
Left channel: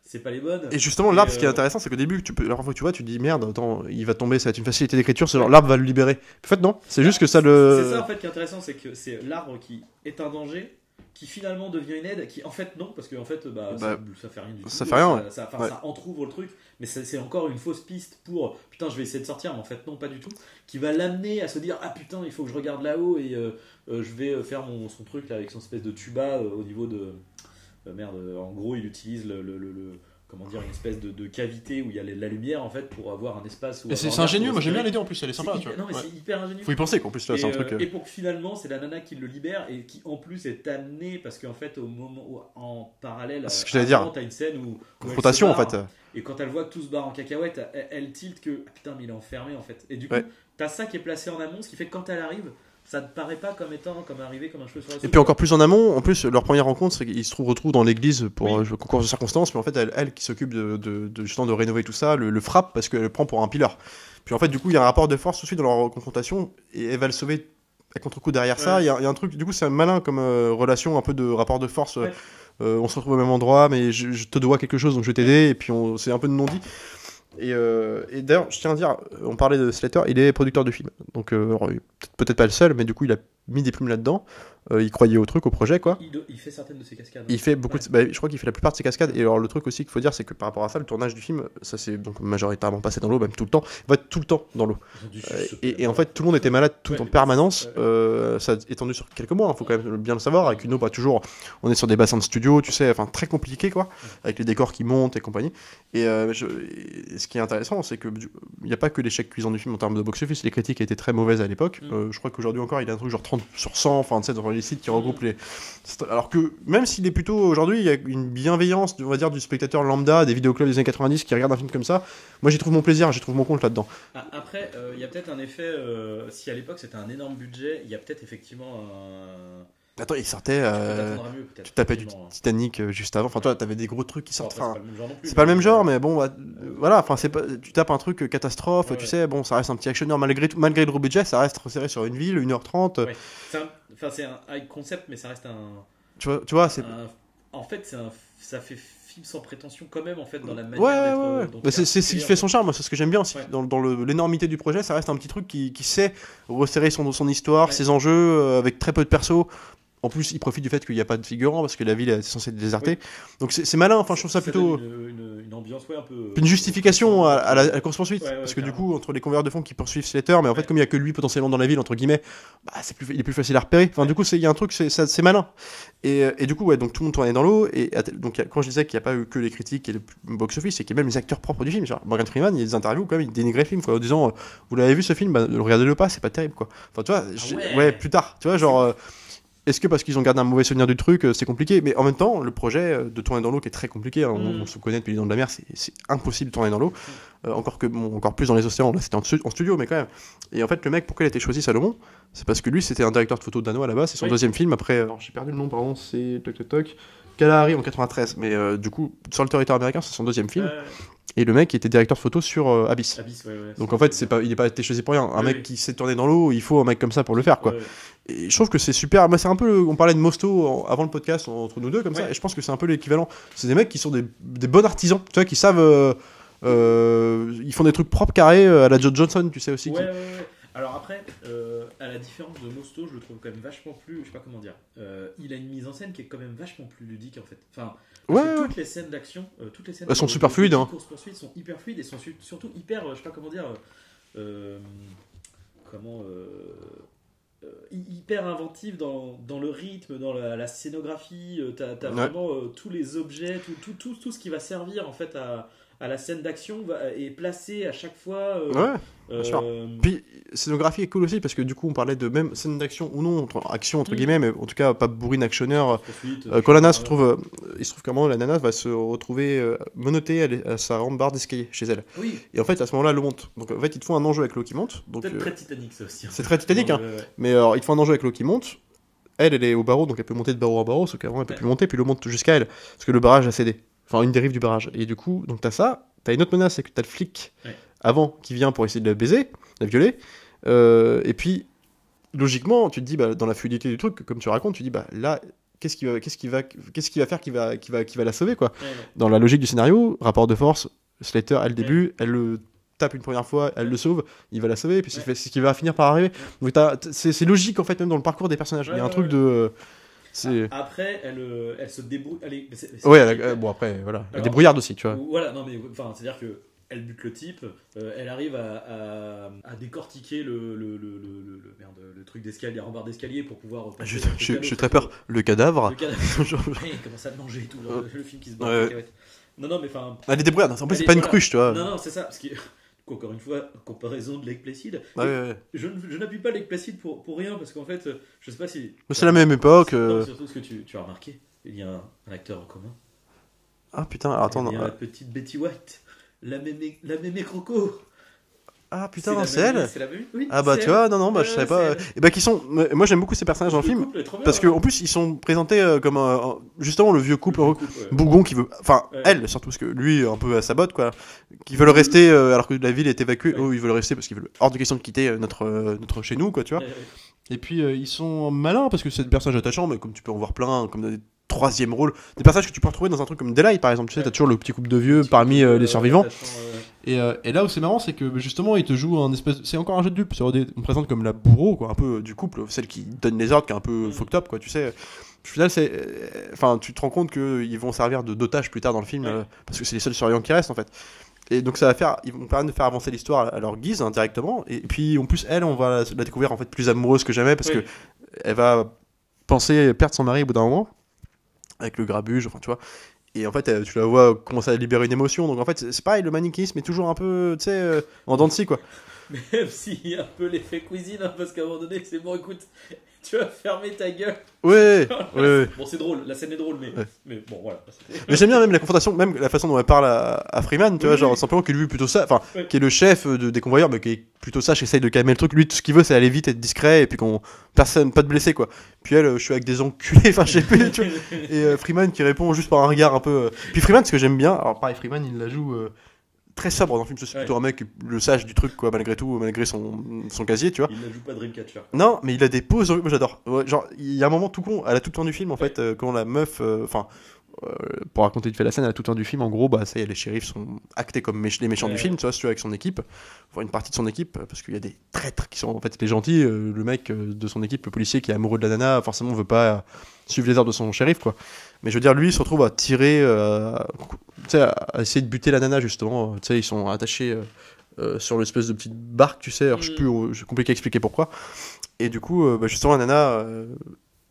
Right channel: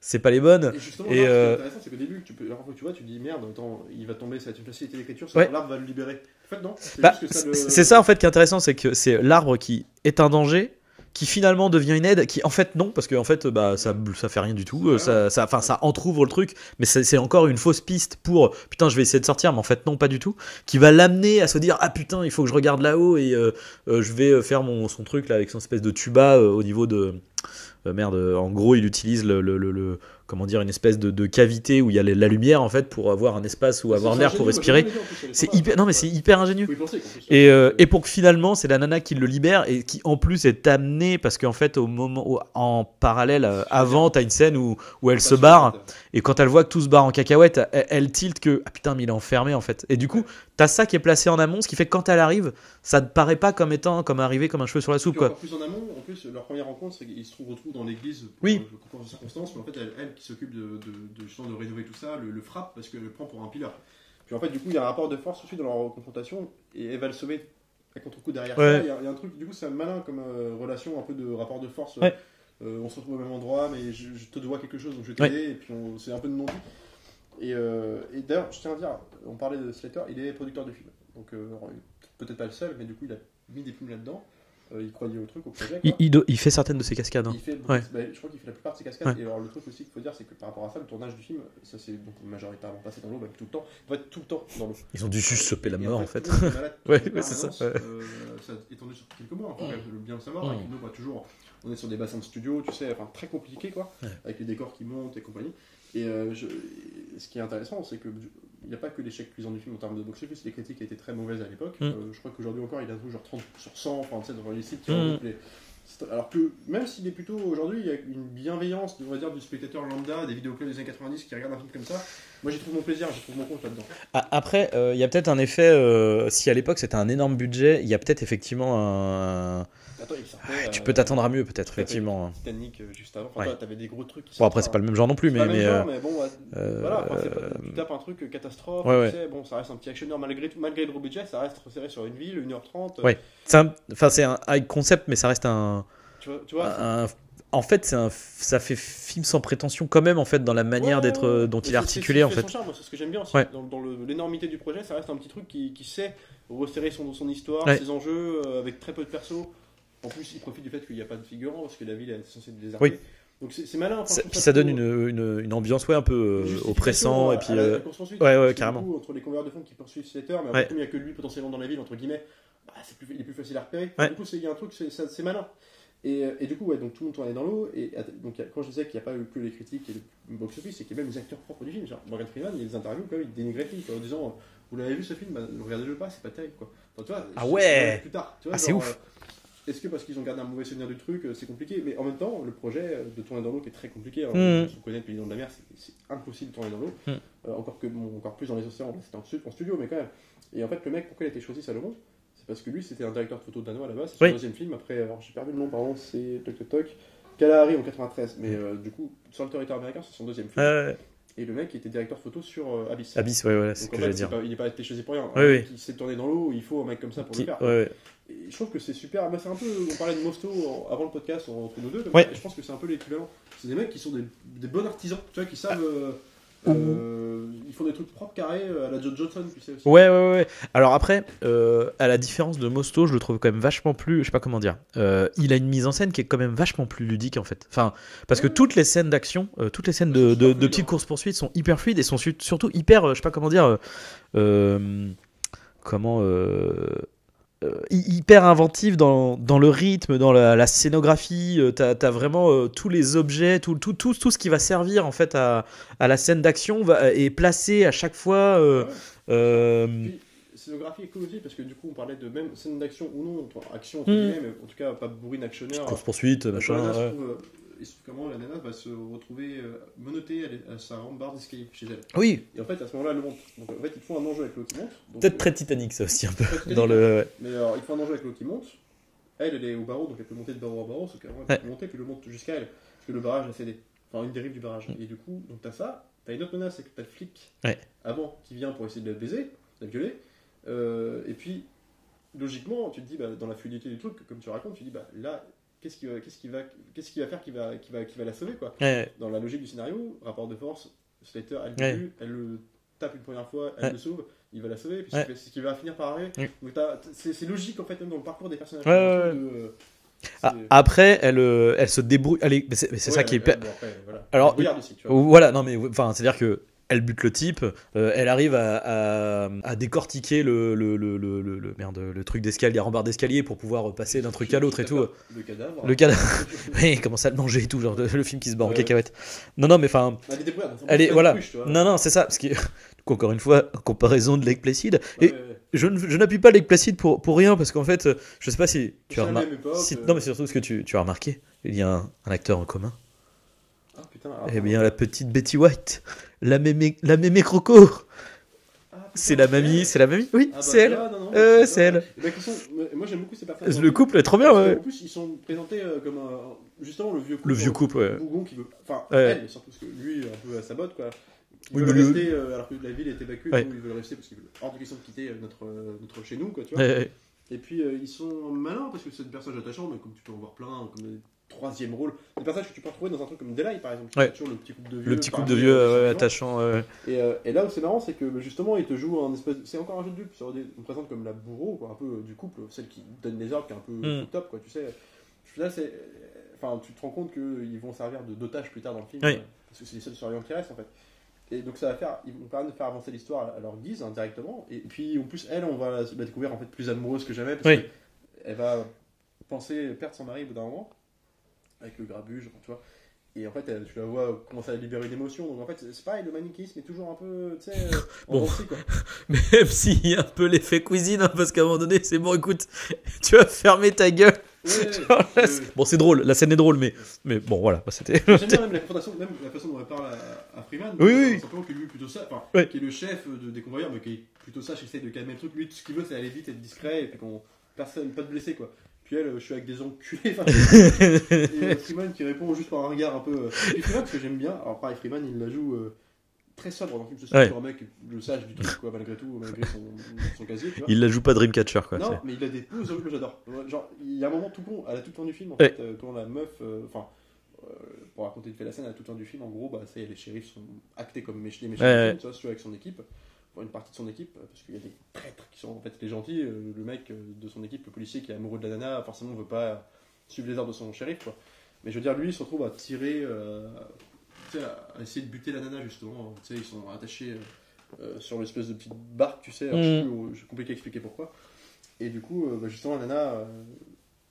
c'est pas les bonnes. Et justement l'arbre, ce qui est intéressant c'est qu'au début la fois que tu vois tu te dis merde, attends il va tomber, ça va être une facilité d'écriture, l'arbre va le libérer. En fait non, c'est juste que ça c'est ça en fait qui est intéressant, c'est que c'est l'arbre qui est un danger qui finalement devient une aide, qui en fait non, parce que en fait ça fait rien du tout, ça entrouvre le truc, mais c'est encore une fausse piste pour putain je vais essayer de sortir, mais en fait non pas du tout, qui va l'amener à se dire ah putain il faut que je regarde là-haut et je vais faire son truc là avec son espèce de tuba au niveau de en gros il utilise le comment dire, une espèce de cavité où il y a la lumière en fait pour avoir un espace où avoir l'air pour respirer. C'est hyper ingénieux. Faut y penser qu'en plus. Et pour que finalement c'est la nana qui le libère et qui en plus est amenée parce qu'en fait en parallèle avant t'as une scène où elle se barre en fait. Et quand elle voit que tout se barre en cacahuète, elle tilte que ah putain mais il est enfermé en fait. Et du coup t'as ça qui est placé en amont, ce qui fait que quand elle arrive, ça ne paraît pas comme arrivé comme un cheveu sur la soupe. Et puis encore plus en amont, en plus leur première rencontre, c'est qu'ils se retrouvent dans l'église pour un concours de circonstances, mais en fait elle qui s'occupe justement de rénover tout ça, le frappe parce qu'elle le prend pour un pileur. Puis en fait du coup il y a un rapport de force tout de suite dans leur confrontation et elle va le sauver à contre-coup derrière ça. Il y a un truc, du coup c'est malin comme relation, un peu de rapport de force. On se retrouve au même endroit, mais je te dois quelque chose donc je vais t'aider, et puis c'est un peu de non-dit. Et d'ailleurs, je tiens à dire, on parlait de Slater, il est producteur de film. Donc, peut-être pas le seul, mais du coup, il a mis des plumes là-dedans. Il croyait au truc, au projet, quoi. Il fait certaines de ses cascades. Hein. Il fait beaucoup. Je crois qu'il fait la plupart de ses cascades. Et alors, le truc aussi qu'il faut dire, c'est que par rapport à ça, le tournage du film, ça s'est donc majoritairement passé dans l'eau, même tout le temps. Va être tout le temps dans l'eau. Ils ont dû juste et en fait, tout le monde était malade tout en permanence. Ça a étendu sur quelques mois. Il faut quand même bien le savoir. Avec une eau, toujours. On est sur des bassins de studio, tu sais, enfin très compliqué, quoi, avec les décors qui montent et compagnie. Et ce qui est intéressant, c'est que il n'y a pas que l'échec cuisant du film en termes de box-office. Les critiques étaient très mauvaises à l'époque. Je crois qu'aujourd'hui encore, il y a un truc genre 30 sur 100, enfin, tu sais, dans les sites qui regroupent les. Alors que même s'il est plutôt aujourd'hui, il y a une bienveillance, on va dire, du spectateur lambda des vidéoclubs des années 90 qui regarde un film comme ça. Moi, j'y trouve mon plaisir, j'y trouve mon compte là-dedans. Après, il y a peut-être un effet. Si à l'époque c'était un énorme budget, il y a peut-être effectivement un. Attends, il sortait. Tu peux t'attendre à mieux, peut-être. Tu tapais Effectivement. Titanic juste avant. Enfin, toi, t'avais des gros trucs qui Bon, sortent. après, c'est pas le même genre non plus. C'est pas le même genre, mais bon, voilà. Enfin, c'est pas. Tu tapes un truc catastrophe. Tu sais, bon, ça reste un petit actionneur malgré le gros budget, ça reste resserré sur une ville, 1h30. Ouais. C'est un high concept, mais ça reste un. Tu vois, en fait, ça fait film sans prétention quand même en fait dans la manière d'être dont il est articulé. C'est son charme, c'est ce que j'aime bien aussi. Ouais. Dans l'énormité du projet, ça reste un petit truc qui sait resserrer son histoire, ses enjeux avec très peu de persos. En plus, il profite du fait qu'il n'y a pas de figurants parce que la ville est censée être désertée. Oui. Donc c'est malin. Enfin, je trouve ça plutôt... donne une ambiance un peu. Une justification à la course-poursuite. Parce que du coup, entre les convoyeurs de fonds qui poursuivent Slater, mais en fait, comme il n'y a que lui potentiellement dans la ville, entre guillemets, il est plus facile à repérer. Enfin, du coup, il y a un truc, c'est malin. Et du coup, donc tout le monde tournait dans l'eau. Et donc, quand je disais qu'il n'y a pas eu que les critiques et le box-office, c'est qu'il y a même les acteurs propres du film. Genre, Morgan Freeman, il y a des interviews quand même, il dénigrait le film en disant vous l'avez vu ce film, regardez-le pas, c'est pas terrible quoi. Enfin, tu vois, plus tard, tu vois, genre. Est-ce que parce qu'ils ont gardé un mauvais souvenir du truc, c'est compliqué? Mais en même temps, le projet de tourner dans l'eau qui est très compliqué, on se connaît depuis les dents de la mer, c'est impossible de tourner dans l'eau. Encore plus dans les océans, là c'était en studio, mais quand même. Et en fait, le mec, pourquoi il a été choisi Salomon? C'est parce que lui, c'était un directeur de photo danois à la base, c'est son deuxième film. Après, alors, j'ai perdu le nom, pardon, c'est Kalahari en 93, mais du coup, sur le territoire américain, c'est son deuxième film. Et le mec était directeur de photo sur Abyss. Donc en fait, il n'est pas été choisi pour rien. Un mec qui sait tourner dans l'eau, il faut un mec comme ça pour le faire. Quoi. Et je trouve que c'est super. Moi, c'est un peu. On parlait de Mosto avant le podcast entre nous deux, comme ça. Et je pense que c'est un peu l'équivalent. C'est des mecs qui sont des bons artisans, tu vois, qui savent. Ils font des trucs propres, carrés, à la Joe Johnson, tu sais aussi. Ouais. Alors après, à la différence de Mosto, je le trouve quand même vachement plus. Je sais pas comment dire. Il a une mise en scène qui est quand même vachement plus ludique en fait. Enfin, parce que toutes les scènes d'action, toutes les scènes de course-poursuite sont hyper fluides et sont surtout hyper. Je sais pas comment dire. Hyper inventive dans le rythme, dans la scénographie. T'as vraiment tous les objets, tout ce qui va servir en fait à la scène d'action est placé à chaque fois. Puis scénographie est cool aussi parce que du coup on parlait de même scène d'action ou non, action entre guillemets, mais en tout cas pas bourrine actionneur. Quand la nana se trouve, il se trouve qu'à un moment la nana va se retrouver menottée à sa rambarde d'escalier chez elle. Oui. Et en fait à ce moment-là l'eau monte. Donc en fait ils te font un enjeu avec l'eau qui monte. Peut-être très Titanic ça aussi. C'est très Titanic, mais alors, ils te font un enjeu avec l'eau qui monte. Elle est au barreau, donc elle peut monter de barreau en barreau, sauf qu'avant elle peut plus monter, puis l'eau monte jusqu'à elle parce que le barrage a cédé. Enfin une dérive du barrage. Et du coup donc t'as une autre menace, c'est que t'as le flic avant qui vient pour essayer de la baiser, de la violer. Et puis logiquement tu te dis dans la fluidité du truc comme tu racontes, tu dis là qu'est-ce qu'il va faire qui va la sauver quoi. Dans la logique du scénario, rapport de force, Slater elle début, elle le tape une première fois, elle le sauve, il va la sauver et puis c'est ce qui va finir par arriver. Donc c'est logique en fait même dans le parcours des personnages. Il y a un truc de après elle se débrouille. C'est ça qui est... bon après voilà. Alors, débrouillarde aussi tu vois. Voilà non mais enfin c'est à dire que elle bute le type, elle arrive à décortiquer le truc d'escalier, la rambarde d'escalier pour pouvoir passer d'un truc à l'autre. J'ai très peur. Le cadavre. Il commence à le manger et tout, genre le film qui se bat en cacahuète. Non, mais enfin. Elle est débrouillarde, c'est pas une cruche, tu vois. Non, c'est ça. Parce que, encore une fois, comparaison de Lake Placid. Je n'appuie pas Lake Placid pour rien, parce qu'en fait, je sais pas si. C'est la même époque. Non, mais surtout ce que tu as remarqué, il y a un acteur en commun. Ah putain, attends. Il y a la petite Betty White. La mémé croco. Ah putain, c'est la mamie. Oui. Ah bah tu vois, non, je sais pas. Et bah qui sont, moi j'aime beaucoup ces personnages dans le film. Le couple est trop bien. Parce qu'en plus ils sont présentés comme justement le vieux couple bougon qui veut, enfin elle surtout parce que lui un peu à sa botte quoi, qui veulent rester alors que la ville est évacuée, eux ils veulent rester parce qu'ils veulent hors de question de quitter notre chez nous quoi, tu vois. Et puis ils sont malins parce que c'est des personnages attachants, mais comme tu peux en voir plein, comme des troisième rôle, des personnages que tu peux retrouver dans un truc comme Daylight par exemple, tu sais, t'as toujours le petit couple de vieux parmi les survivants. Et là où c'est marrant, c'est que justement il te joue un espèce, c'est encore un jeu de dupe, on présente comme la bourreau quoi, un peu du couple, celle qui donne les ordres, qui est un peu fucked up quoi, tu sais. Au final, enfin, tu te rends compte qu'ils vont servir d'otage plus tard dans le film, parce que c'est les seuls survivants qui restent en fait. Et donc ils vont permettre de faire avancer l'histoire à leur guise indirectement. Et puis en plus on va la découvrir en fait plus amoureuse que jamais parce que elle va penser perdre son mari au bout d'un moment avec le grabuge, enfin tu vois. Et en fait, tu la vois commencer à libérer une émotion. Donc en fait, c'est pareil, le manichéisme est toujours un peu, tu sais, en dents de scie, quoi. Même s'il y a un peu l'effet cuisine, hein, parce qu'à un moment donné, c'est bon, écoute, tu vas fermer ta gueule. Ouais, ouais. Bon, c'est drôle, la scène est drôle, mais, Ouais. mais bon, voilà, c'était. Mais j'aime bien même la confrontation, même la façon dont elle parle à Freeman, tu vois, Oui, genre oui. simplement que lui plutôt ça, enfin, Oui. qui est le chef des convoyeurs, mais qui est plutôt sage, qui essaye de calmer le truc. Lui, tout ce qu'il veut, c'est aller vite, être discret, et puis qu'on personne, pas de blessés, quoi. Puis elle, je suis avec des enculés, enfin, tu vois. Et Freeman qui répond juste par un regard un peu. Puis Freeman, ce que j'aime bien, alors pareil, Freeman, il la joue très sobre dans le film, c'est Ouais. plutôt un mec le sage du truc, quoi, malgré tout, malgré son casier, tu vois. Il la joue pas Dreamcatcher, quoi. Non, mais il a des poses, moi j'adore. Ouais, genre, il y a un moment tout con, à la toute fin du film, en fait, quand la meuf, enfin, pour raconter vite fait la scène, à la toute fin du film, en gros, bah ça y est, les shérifs sont actés comme les méchants Ouais, du film, ouais. tu vois, si tu veux, avec son équipe, enfin une partie de son équipe, parce qu'il y a des traîtres qui sont en fait les gentils, le mec de son équipe, le policier qui est amoureux de la nana, forcément veut pas suivre les ordres de son shérif, quoi. Mais je veux dire, lui, il se retrouve à tirer, tu sais, à essayer de buter la nana, justement, tu sais, ils sont attachés sur l'espèce de petite barque, tu sais, alors je sais plus, c'est compliqué à expliquer pourquoi. Et du coup, bah, justement, la nana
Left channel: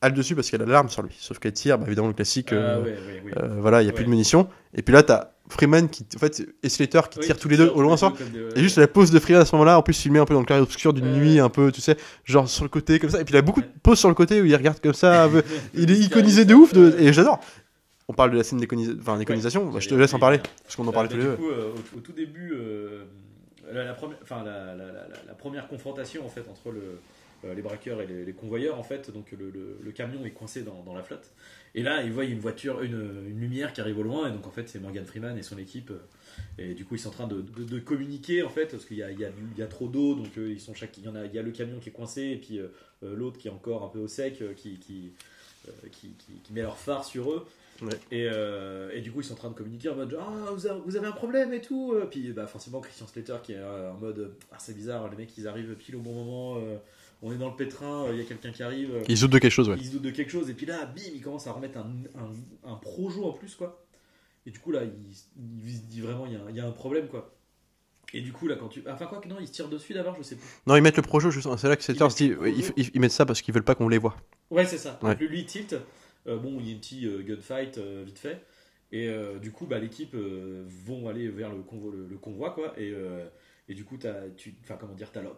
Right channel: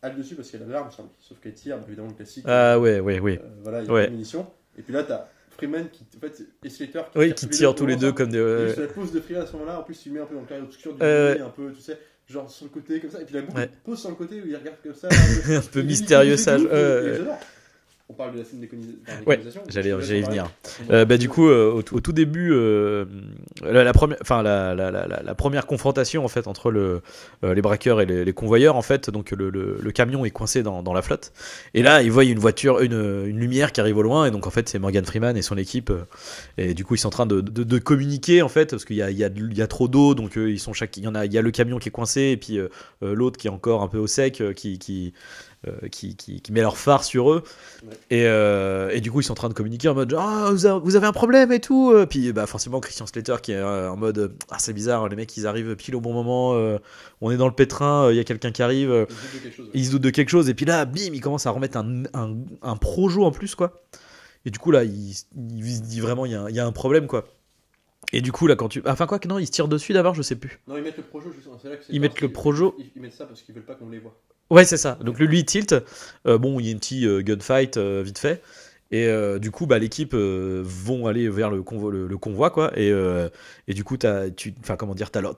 a le dessus parce qu'elle a l'arme sur lui. Sauf qu'elle tire, bah, évidemment, le classique. Ah ouais, oui. Voilà, il n'y a Ouais. plus de munitions. Et puis là, t'as Freeman qui, en fait, et Slater qui Oui, tirent qui tous les deux tirent au loin. comme des. Et juste la pose de Freeman à ce moment-là, en plus filmé un peu dans le clair obscur d'une nuit, Ouais. un peu, tu sais, genre sur le côté comme ça. Et puis il a beaucoup Ouais. de poses sur le côté où il regarde comme ça, un peu, un peu il est mystérieux, iconisé ça. de ouf. Ouais. Et j'adore. On parle de la scène d'iconisation. Je te laisse en parler. venir. Parce qu'on en parle Bah, tous du les coup, au tout début, la première confrontation en fait entre les braqueurs et les convoyeurs, en fait, donc le camion est coincé dans la flotte. Et là, ils voient une voiture, une lumière qui arrive au loin, et donc en fait, c'est Morgan Freeman et son équipe. Et du coup, ils sont en train de communiquer en fait, parce qu'il y a trop d'eau, donc ils sont il y a le camion qui est coincé, et puis l'autre qui est encore un peu au sec, qui met leur phare sur eux. Ouais. Et du coup ils sont en train de communiquer en mode genre, ah, vous avez un problème et tout, puis bah forcément Christian Slater qui est en mode ah, c'est bizarre, les mecs ils arrivent pile au bon moment, on est dans le pétrin, il y a quelqu'un qui arrive, Il se doute de quelque chose, ouais. ils se doutent de quelque chose, et puis là bim, il commence à remettre un projo en plus, quoi. Et du coup là il se dit vraiment il y a un problème, quoi. Et du coup là quand enfin quoi que non, ils se tirent dessus d'abord, je sais plus. Non, ils mettent le projo, justement. C'est là que c'est Ils mettent le projo. Ils mettent ça parce qu'ils veulent pas qu'on les voit. Ouais, c'est ça. Donc Ouais. lui il tilt. Bon, il y a une petite gunfight vite fait. Et du coup, bah, l'équipe vont aller vers le convoi, quoi. Et du coup, t'as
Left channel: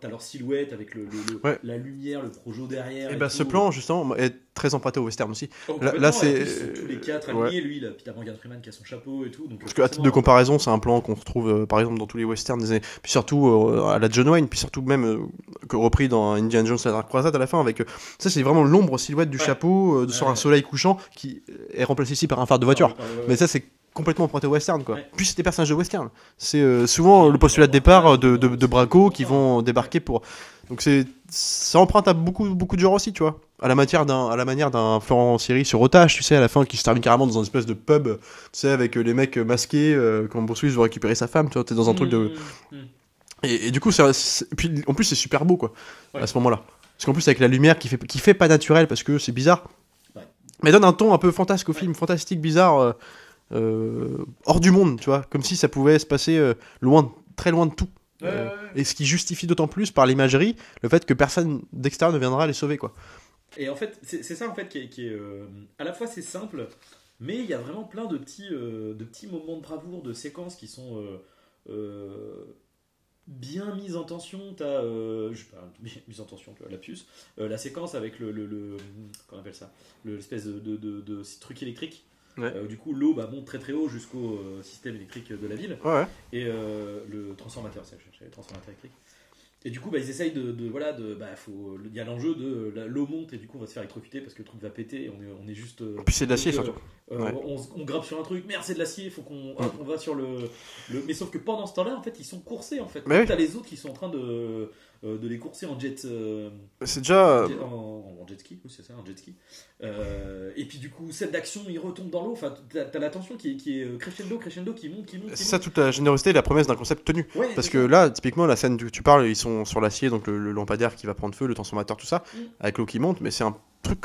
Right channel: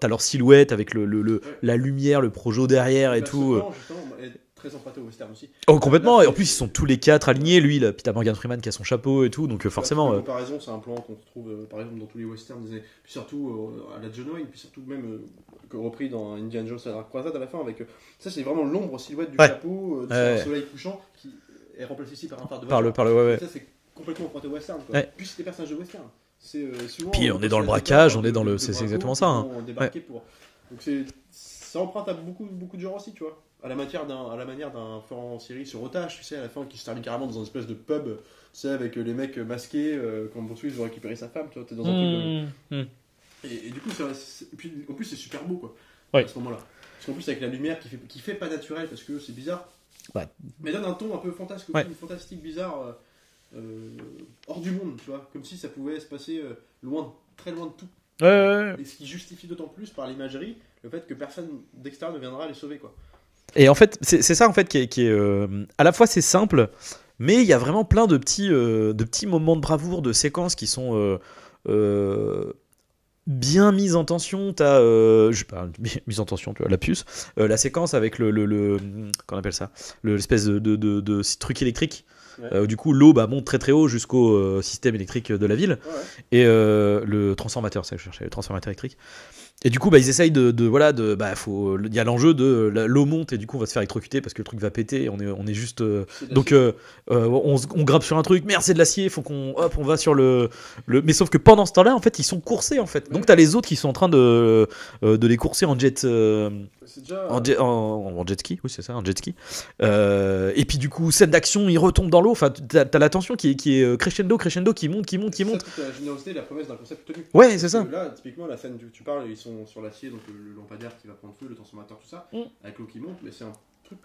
leur silhouette avec Ouais. la lumière, le projo derrière et Bah, tout. ce plan, justement, est très emprunté au western aussi. Oh, complètement. Là, Et en c'est- plus, ils sont tous les quatre alignés. Lui, là, puis t'as Morgan Freeman qui a son chapeau et tout. Donc Parce que, à forcément. titre de comparaison, c'est un plan qu'on retrouve par exemple dans tous les westerns des années. Puis surtout à la John Wayne, puis surtout même repris dans Indiana Jones et la Dark Crusade à la fin avec ça, c'est vraiment l'ombre silhouette du Ouais. chapeau sur un Ouais. soleil couchant qui est remplacé ici par un phare de voiture. Ouais. Mais ça, c'est complètement emprunté au western, quoi. Ouais. Puis c'est des personnages de western. C'est souvent Puis on le est postulat dans de le braquage, départ on est dans le- de c'est bracos qui exactement ça, vont débarquer pour. Donc ça emprunte à beaucoup de genres aussi, tu vois. À la manière d'un Florent Siri sur Otage, tu sais, à la fin, qui se termine carrément dans une espèce de pub, tu sais, avec les mecs masqués, quand Bruce Willis veut récupérer sa femme, tu vois, t'es dans un truc de. Et du coup, puis en plus, c'est super beau, quoi, Ouais. à ce moment-là. Parce qu'en plus, avec la lumière qui fait pas naturel, parce que c'est bizarre, Ouais. mais donne un ton un peu fantasque au Ouais. film, fantastique, bizarre, hors du monde, tu vois, comme si ça pouvait se passer très loin de tout. Ouais. Et ce qui justifie d'autant plus par l'imagerie le fait que personne d'extérieur ne viendra les sauver, quoi. Et en fait, c'est ça en fait qui est à la fois c'est simple, mais il y a vraiment plein de petits moments de bravoure, de séquences qui sont bien mises en tension. T'as, je sais pas, mise en tension, tu vois, la puce, la séquence avec qu'on appelle ça, l'espèce de truc électrique. Ouais. Où du coup l'eau monte très très haut jusqu'au système électrique de la ville. Ouais. Et le transformateur, c'est ça que je cherchais, le transformateur électrique. Et du coup, ils essayent il y a l'enjeu de l'eau monte et du coup on va se faire électrocuter parce que le truc va péter. Et on est juste. Puis c'est de Donc l'acier, on grimpe sur un truc, merde c'est de l'acier, faut on va sur le. Mais sauf que pendant ce temps-là, en fait, ils sont coursés en fait. Mais Donc oui. t'as les autres qui sont en train de les courser en jet. c'est déjà En jet ski, oui c'est ça, un jet ski. Et puis du coup, scène d'action, ils retombent dans l'eau. Enfin, t'as la tension qui est crescendo, qui monte. c'est ça toute la générosité et la promesse d'un concept tenu. Ouais, c'est Parce ça. que là, typiquement, la scène que tu parles, ils sont sur l'acier, donc le lampadaire qui va prendre feu, le transformateur, tout ça, avec l'eau qui monte, mais c'est un truc.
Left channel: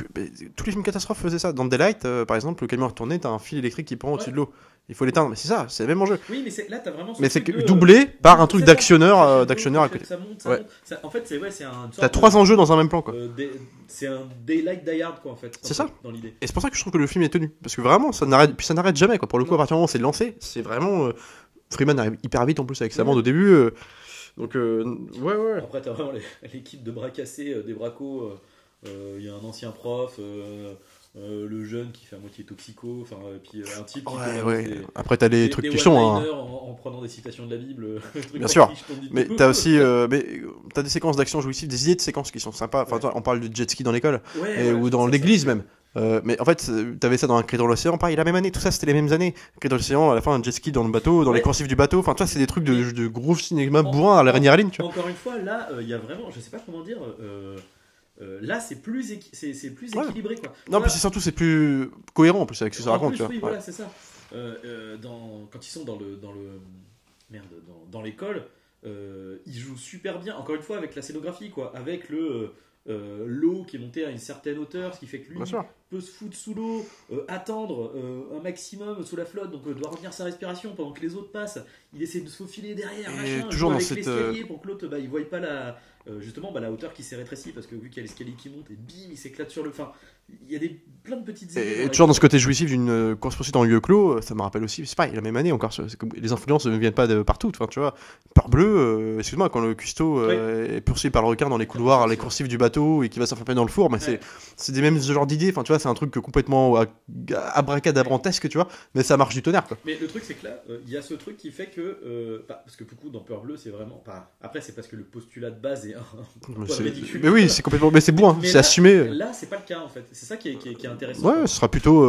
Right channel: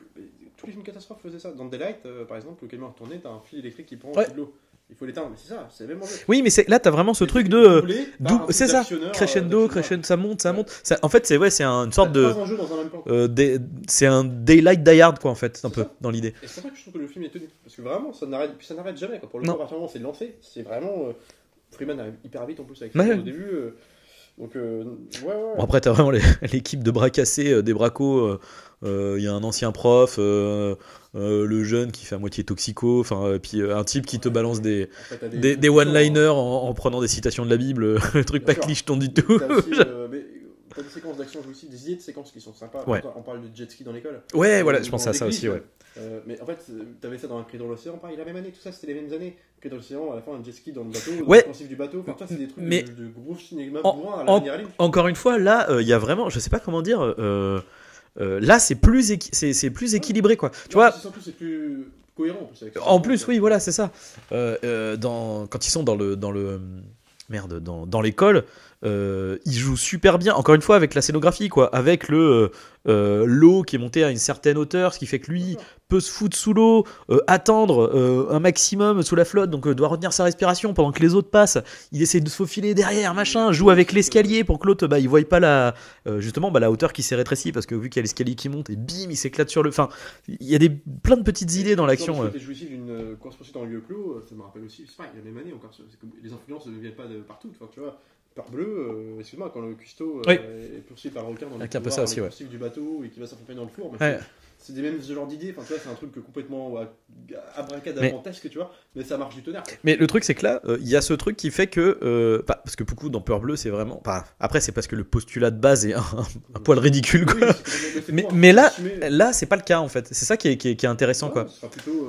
Tous les films catastrophes faisaient ça. Dans Daylight, par exemple, le camion est retourné, t'as un fil électrique qui prend au-dessus de l'eau. il faut l'éteindre. Mais c'est ça, c'est le même enjeu. Oui, mais là, t'as vraiment ce Mais truc c'est de doublé par un truc c'est ça, d'actionneur. crescendo, ça monte. En fait, c'est une sorte T'as 3 enjeux dans un même plan. c'est un Daylight Die Hard, quoi, en fait. C'est ça, dans l'idée. Et c'est pour ça que je trouve que le film est tenu. Parce que vraiment, ça n'arrête jamais, quoi. Pour le coup, à partir du moment où c'est lancé, c'est vraiment. Freeman arrive hyper vite en plus avec sa bande au début. Donc, ouais. Bon, après, t'as vraiment l'équipe de bras cassés, des bracos. Il y a un ancien prof, le jeune qui fait à moitié toxico, puis un type qui te balance des one-liners en prenant des citations de la Bible, le truc pas clicheton du tout. T'as aussi t'as des séquences d'action jouissives, des idées de séquences qui sont sympas. On parle de jet ski dans l'école, ou dans l'église même. Mais en fait, t'avais ça dans un Cri dans l'océan, pareil, la même année, tout ça c'était les mêmes années. Cri dans l'océan, à la fin un jet ski dans le bateau, dans les coursives du bateau, enfin, tu vois, c'est des trucs de gros cinéma bourrin à la Rainière Aline. Encore une fois, là, il y a vraiment, je sais pas comment dire. Là, c'est plus équilibré, quoi. Non, c'est surtout c'est plus cohérent en plus avec ce en plus, oui, voilà, c'est ça. Quand ils sont dans l'école, ils jouent super bien. Encore une fois, avec la scénographie, quoi, avec l'eau qui est montée à une certaine hauteur, ce qui fait que lui peut se foutre sous l'eau, attendre un maximum sous la flotte, donc doit retenir sa respiration pendant que les autres passent. Il essaie de se faufiler derrière, joue avec l'escalier pour que l'autre il voie pas la hauteur qui s'est rétrécie, parce que vu qu'il y a l'escalier qui monte et bim, il s'éclate sur le. Enfin, il y a plein de petites idées dans l'action. Genre dans ce côté jouissif d'une course-poursuite en lieu clos, ça me rappelle aussi, c'est pareil, la même année encore, les influences ne viennent pas de partout. Enfin, tu vois, Peur-Bleu, excuse-moi, quand le cuistot est poursuivi par le requin dans les couloirs, les coursives du bateau et qui va s'enfermer dans le four, mais c'est des mêmes genres d'idées. Enfin, tu vois, c'est un truc complètement abracadabrantesque, tu vois, mais ça marche du tonnerre, quoi. Mais le truc, c'est que là, il y a ce truc qui fait que parce que beaucoup dans Peur-Bleu, c'est vraiment après c'est parce que le postulat de base est un poil ridicule. Oui, c'est complètement, mais c'est bon, mais là, assumé. Là, c'est pas le cas en fait. C'est ça qui est intéressant. Ce sera plutôt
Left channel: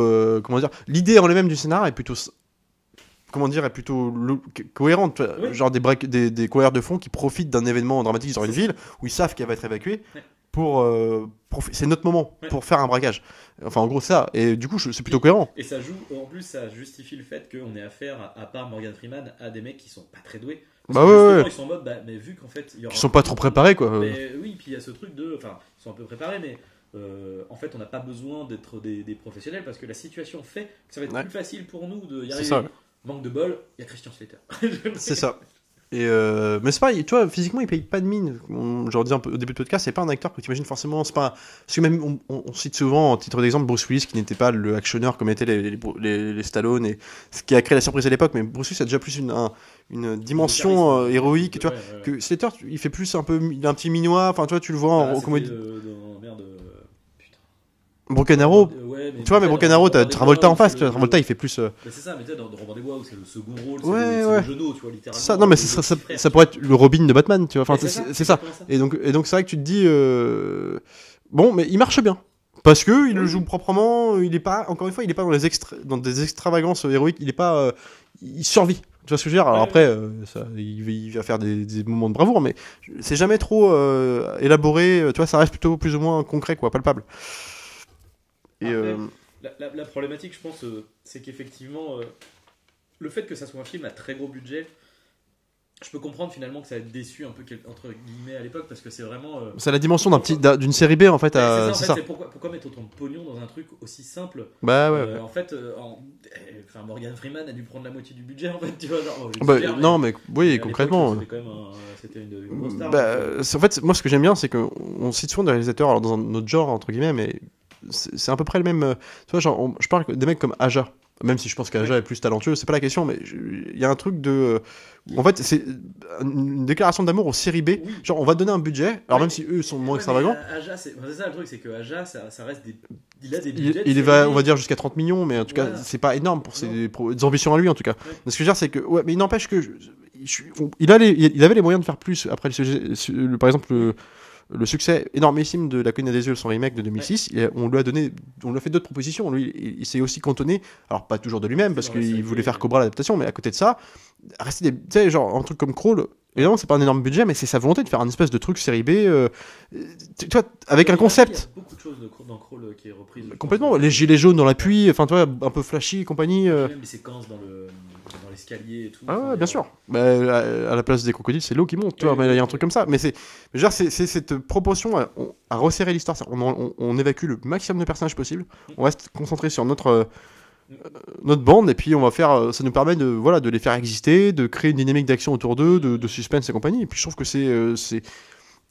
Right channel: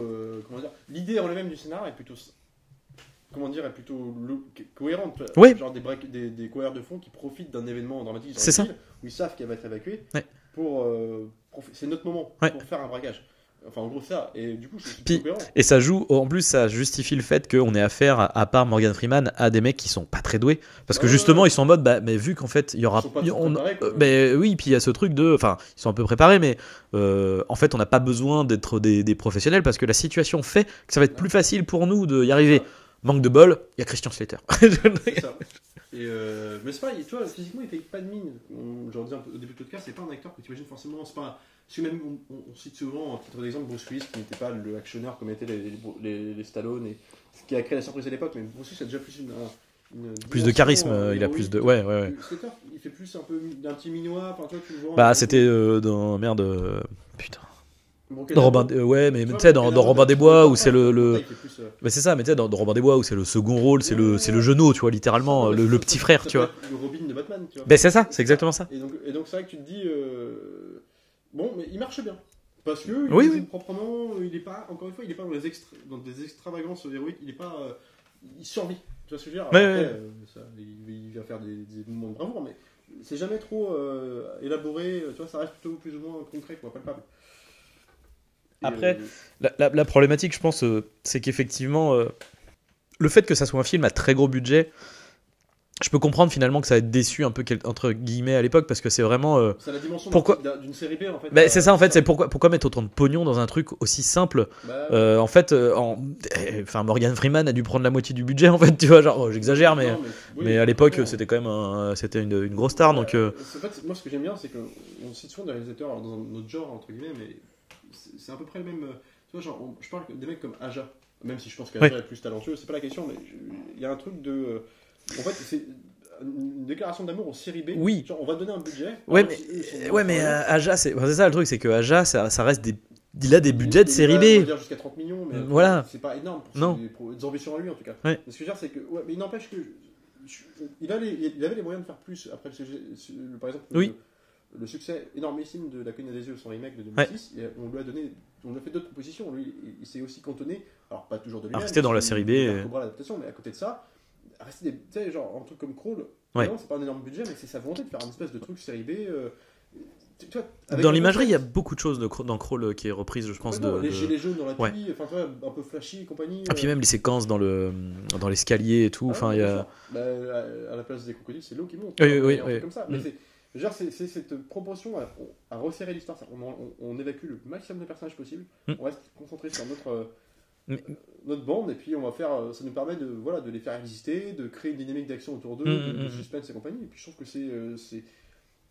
comment dire, l'idée en elle-même du scénar est plutôt cohérente, genre des coureurs de fond qui profitent d'un événement dramatique dans une ville où ils savent qu'elle va être évacuée pour c'est notre moment pour faire un braquage. Enfin, en gros, ça. Et du coup, c'est plutôt cohérent. Et ça joue, en plus, ça justifie le fait qu'on ait affaire, à part Morgan Freeman, à des mecs qui sont pas très doués. Parce que justement, ils sont en mode, mais vu qu'en fait, il y aura. Ils sont pas trop préparés, quoi. Mais oui, puis il y a ce truc de. Enfin, ils sont un peu préparés, mais en fait, on n'a pas besoin d'être des professionnels parce que la situation fait que ça va être plus facile pour nous d'y arriver. Manque de bol, il y a Christian Slater. C'est ça. Et mais c'est pas, tu vois, physiquement il paye pas de mine. Je leur dis un peu au début de podcast, c'est pas un acteur que tu imagines forcément. C'est pas, parce que même on cite souvent en titre d'exemple Bruce Willis qui n'était pas le actionneur comme étaient les Stallone, et ce qui a créé la surprise à l'époque. Mais Bruce Willis a déjà plus une dimension charisme, héroïque. Tu vois, que Slater, il fait plus un peu, il a un petit minois. Enfin, tu vois, tu le vois. C'était dans putain. Broken Arrow, mais tu vois, mais Broken Arrow, t'as Travolta en face. Travolta, il fait plus. Mais c'est ça, mais tu sais, dans Robin des Bois où c'est le second rôle, c'est le genou, tu vois, littéralement. Ça, non, mais le petit frère. Ça pourrait être le Robin de Batman, tu vois. Mais c'est ça, c'est exactement ça. Et donc, c'est vrai que tu te dis, bon, mais il marche bien. Parce que il le joue proprement, il est pas, encore une fois, il est pas dans des extravagances héroïques, il est pas, il survit. Tu vois ce que je veux dire? Alors après, il va faire des moments de bravoure, mais c'est jamais trop élaboré. Tu vois, ça reste plutôt plus ou moins concret, quoi, palpable. Après, la problématique, je pense, c'est qu'effectivement, le fait que ça soit un film à très gros budget, je peux comprendre finalement que ça va être déçu un peu entre guillemets à l'époque, parce que c'est vraiment. C'est la dimension d'une série B en fait. C'est ça en fait, c'est pourquoi mettre autant de pognon dans un truc aussi simple. En fait, Morgan Freeman a dû prendre la moitié du budget en fait, tu vois, genre j'exagère, mais à l'époque c'était quand même c'était une grosse star. Donc, en fait, moi ce que j'aime bien, c'est qu'on cite souvent des réalisateurs alors, dans un autre genre entre guillemets, mais c'est à peu près le même. Tu vois, genre, je parle des mecs comme Aja, même si je pense qu'Aja est plus talentueux, c'est pas la question, mais il y a un truc de. En fait, c'est une déclaration d'amour aux séries B. Oui. Genre, on va donner un budget, alors même si eux sont moins extravagants. Aja, c'est ça le truc, c'est que Aja, ça reste il a des budgets de série B. On va dire jusqu'à 30 millions, mais en tout cas, c'est pas énorme pour ses ambitions à lui, en tout cas. Ce que je veux dire, c'est que. Ouais, mais il n'empêche que. Il avait les moyens de faire plus. Après, par exemple. Le succès énormissime de La Colline des Yeux, son remake de 2006, on lui a fait d'autres propositions. Lui, il s'est aussi cantonné, alors pas toujours de lui-même, parce qu'il voulait faire Cobra l'adaptation, mais à côté de ça, rester tu sais, genre un truc comme Crawl. Évidemment, c'est pas un énorme budget, mais c'est sa volonté de faire un espèce de truc série B. Tu vois, avec un concept. Il y a beaucoup de choses dans Crawl qui est reprise, je complètement. Les gilets jaunes dans la pluie, enfin, tu vois, un peu flashy et compagnie. Et puis même les séquences dans l'escalier et tout. Bien sûr. À la place des crocodiles, c'est l'eau qui monte. Il y a un truc comme ça. Mais c'est cette proportion à resserrer l'histoire. On évacue le maximum de personnages possible. On reste concentré sur notre notre bande, et puis on va faire, ça nous permet de les faire exister, de créer une dynamique d'action autour d'eux, de suspense et compagnie. Et puis je trouve que c'est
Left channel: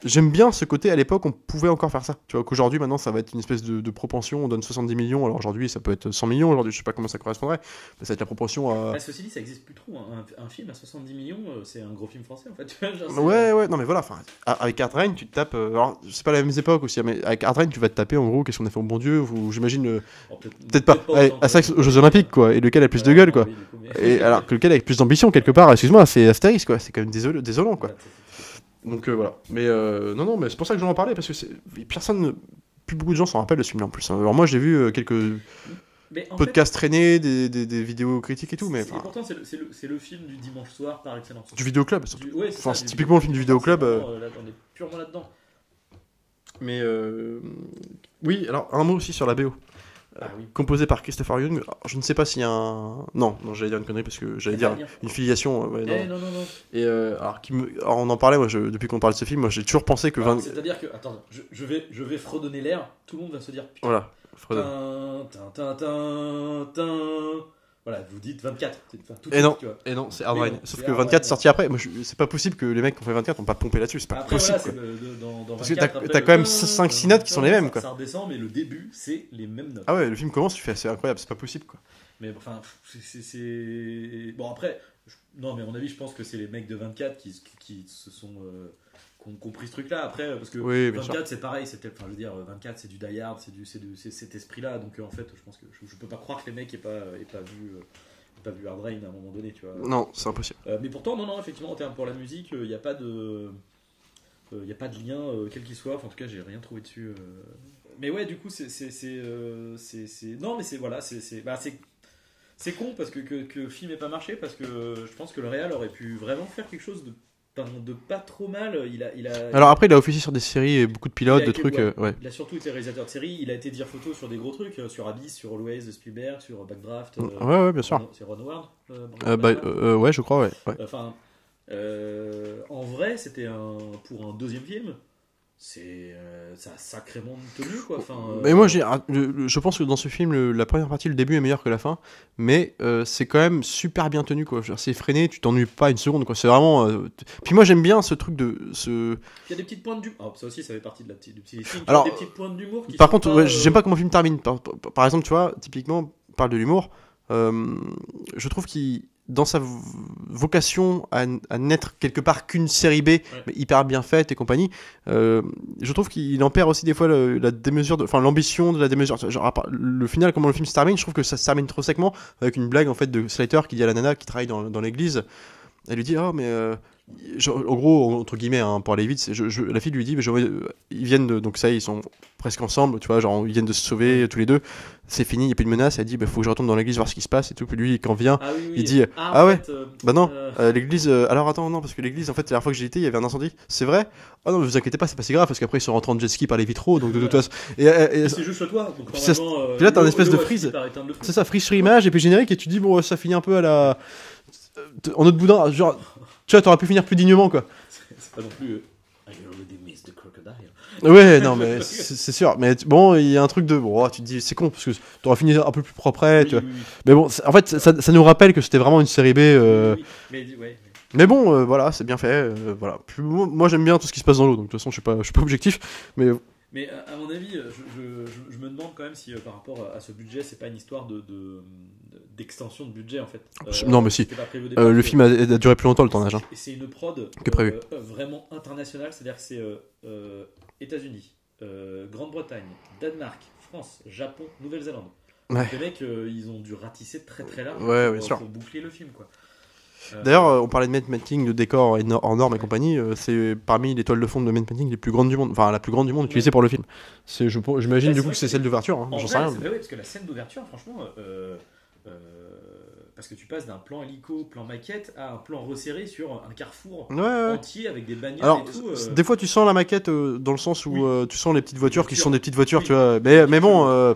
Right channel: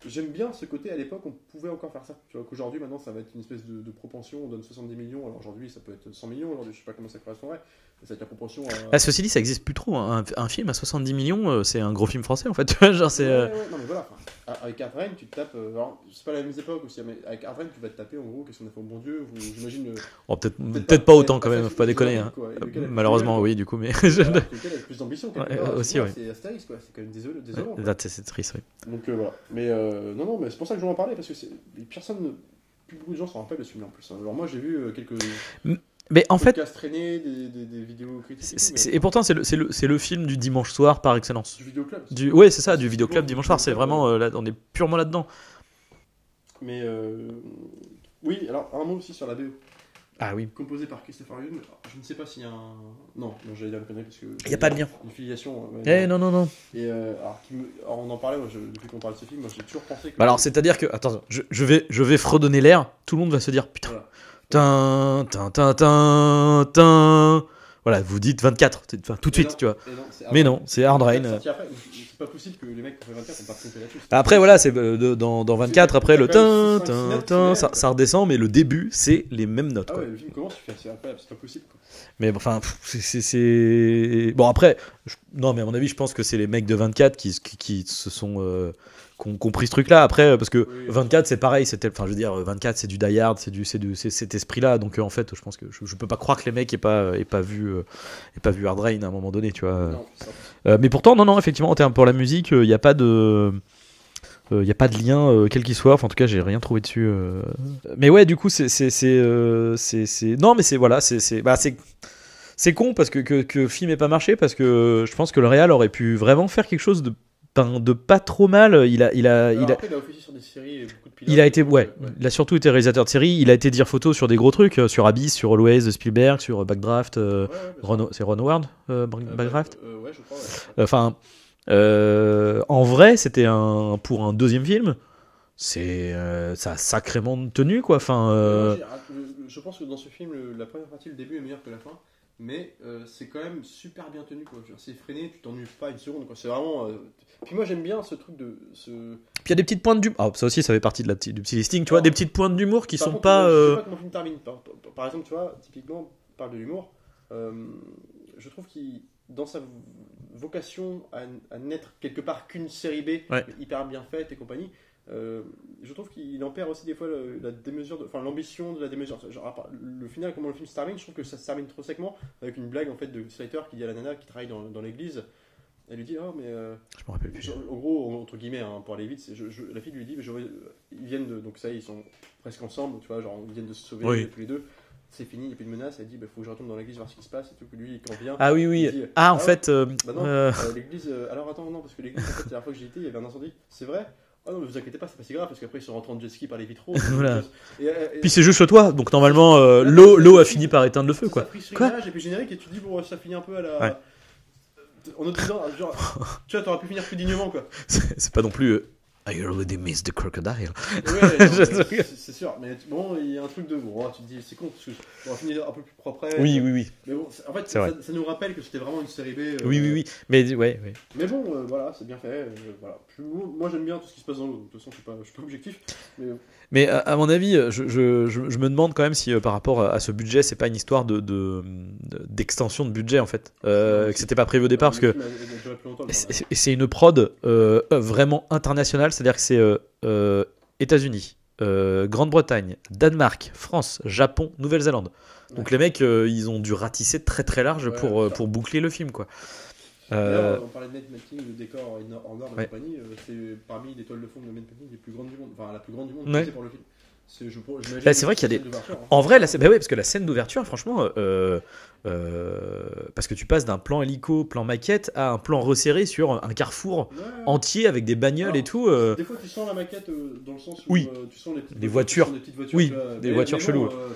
j'aime bien ce côté, à l'époque on pouvait encore faire ça, tu vois, qu'aujourd'hui maintenant ça va être une espèce de propension, on donne 70 millions, alors aujourd'hui ça peut être 100 millions, aujourd'hui je sais pas comment ça correspondrait, mais ça va être la proportion à... ceci dit, ça existe plus trop, hein. Un film à 70 millions, c'est un gros film français en fait, tu vois, genre, ouais, non mais voilà, avec Hard Rain tu te tapes, alors c'est pas la même époque aussi, mais avec Hard Rain tu vas te taper en gros, qu'est-ce qu'on a fait au bon Dieu, ou j'imagine... peut-être pas autant à ça aux Jeux Olympiques quoi, et lequel a plus de gueule quoi, oui, du coup, mais... alors que lequel a plus d'ambition quelque part, excuse-moi, c'est Astérix quoi, c'est quand même désolant quoi. C'est triste, ouais. Donc voilà, mais non, mais c'est pour ça que j'en parlais, parce que plus beaucoup de gens s'en rappellent de ce film en plus. Alors moi j'ai vu quelques podcasts traînés, des vidéos critiques et tout. Et pourtant c'est le film du dimanche soir par excellence. Du vidéoclub. Ouais, c'est ça, du vidéoclub dimanche soir. C'est vraiment là, on est purement là-dedans. Mais oui, alors un mot aussi sur la BO. Ah oui. Composé par Christopher Young. Alors, je ne sais pas s'il y a un... Non, j'allais dire une connerie parce que j'allais dire une filiation. Non. Et alors on en parlait, moi, depuis qu'on parle de ce film, moi j'ai toujours pensé que... Alors c'est-à-dire que... Attends, je vais fredonner l'air, tout le monde va se dire, putain, voilà. Voilà, vous dites 24, tout de suite, tu vois. Et non, c'est mais non, c'est Hard Rain. 24 sorti après. Moi, c'est pas possible que les mecs qui ont fait 24 n'ont pas trompé là-dessus. Après, voilà, c'est dans 24, après le quand même 5-6 notes qui sont les mêmes. Ça redescend, mais le début, c'est les mêmes notes. Ah ouais, le film commence, tu fais, c'est incroyable, c'est pas possible, quoi. Mais enfin, c'est... Bon, après, non, mais à mon avis, je pense que c'est les mecs de 24 qui se sont... Qui ont pris ce truc-là après, parce que oui, 24 c'est pareil, enfin je veux dire 24 c'est du Die Hard, c'est cet esprit-là, donc en fait je pense que je peux pas croire que les mecs aient pas vu Hard Rain à un moment donné, tu vois. Non, c'est impossible. Mais pourtant non effectivement en termes pour la musique, il y a pas de lien quel qu'il soit, enfin en tout cas j'ai rien trouvé dessus. Mais ouais, du coup c'est non mais c'est voilà, c'est con parce que le film ait pas marché, parce que je pense que le réal aurait pu vraiment faire quelque chose de pas trop mal. Après il a officié sur des séries et beaucoup de pilotes. Il a surtout été réalisateur de séries. Il a été dire photo sur des gros trucs, sur Abyss, sur Always de Spielberg, sur Backdraft. Ouais, bien sûr. C'est Ron Howard. Ouais, je crois, ouais. Enfin, en vrai, c'était pour un deuxième film. Ça a sacrément tenu quoi. Mais moi je pense que dans ce film la première partie, le début est meilleur que la fin, mais c'est quand même super bien tenu quoi. C'est freiné, tu t'ennuies pas une seconde quoi. C'est vraiment puis moi j'aime bien ce truc de ce... Puis il y a des petites pointes d'humour. Ça aussi ça fait partie du petit listing, tu vois, des petites pointes d'humour qui par sont contre, pas je sais pas comment le film termine. Par exemple, tu vois, typiquement on parle de l'humour, je trouve qu'il dans sa vocation à n'être quelque part qu'une série B, mais hyper bien faite et compagnie, je trouve qu'il en perd aussi des fois la démesure, l'ambition de la démesure. Genre, le final, comment le film se termine, je trouve que ça se termine trop séquement, avec une blague en fait de Slater qui dit à la nana qui travaille dans l'église. Elle lui dit en gros entre guillemets pour aller vite, la fille lui dit ils viennent donc ça ils sont presque ensemble, tu vois, genre ils viennent de se sauver tous les deux, c'est fini, il n'y a plus de menace. Elle dit faut que je retourne dans l'église voir ce qui se passe et tout. Puis lui quand vient il dit l'église alors attends non parce que l'église en fait la dernière fois que j'y étais il y avait un incendie. C'est vrai? Oh non mais vous inquiétez pas, c'est pas si grave parce qu'après ils sont rentrés en jet ski par les vitraux donc puis c'est juste chez toi donc normalement l'eau a fini par éteindre le feu. C'est ça, freeze sur image et puis générique et tu dis bon ça finit un peu à la en autre boudin, genre, tu vois, t'aurais pu finir plus dignement, quoi. C'est pas non plus. I already missed the crocodile. Ouais, non, c'est sûr. Mais bon, il y a un truc de. Bon, tu te dis, c'est con, parce que t'aurais fini un peu plus propre. Oui. Mais bon, en fait, ça nous rappelle que c'était vraiment une série B. Oui. Mais bon, voilà, c'est bien fait. Voilà. Moi, j'aime bien tout ce qui se passe dans l'eau, donc de toute façon, je suis pas objectif. Mais à mon avis, je me demande quand même si par rapport à ce budget, c'est pas une histoire d'extension de budget en fait. Non, mais si c'était pas prévu au départ. Le film a duré plus longtemps le tournage. Et c'est une prod vraiment internationale, c'est-à-dire que c'est États-Unis, Grande-Bretagne, Danemark, France, Japon, Nouvelle-Zélande. Donc les mecs, ils ont dû ratisser très très large pour boucler le film quoi. D'ailleurs, on parlait de matte painting, de décor en normes et compagnie. C'est parmi les toiles de fond de matte painting les plus grandes du monde, enfin la plus grande du monde utilisée pour le film. J'imagine que c'est celle d'ouverture. Hein, en vrai, parce que la scène d'ouverture, franchement, parce que tu passes d'un plan hélico, plan maquette, à un plan resserré sur un carrefour entier avec des bagnoles et tout. Des fois, tu sens la maquette dans le sens où tu sens les petites voitures, tu sens des petites voitures, tu vois. Mais bon.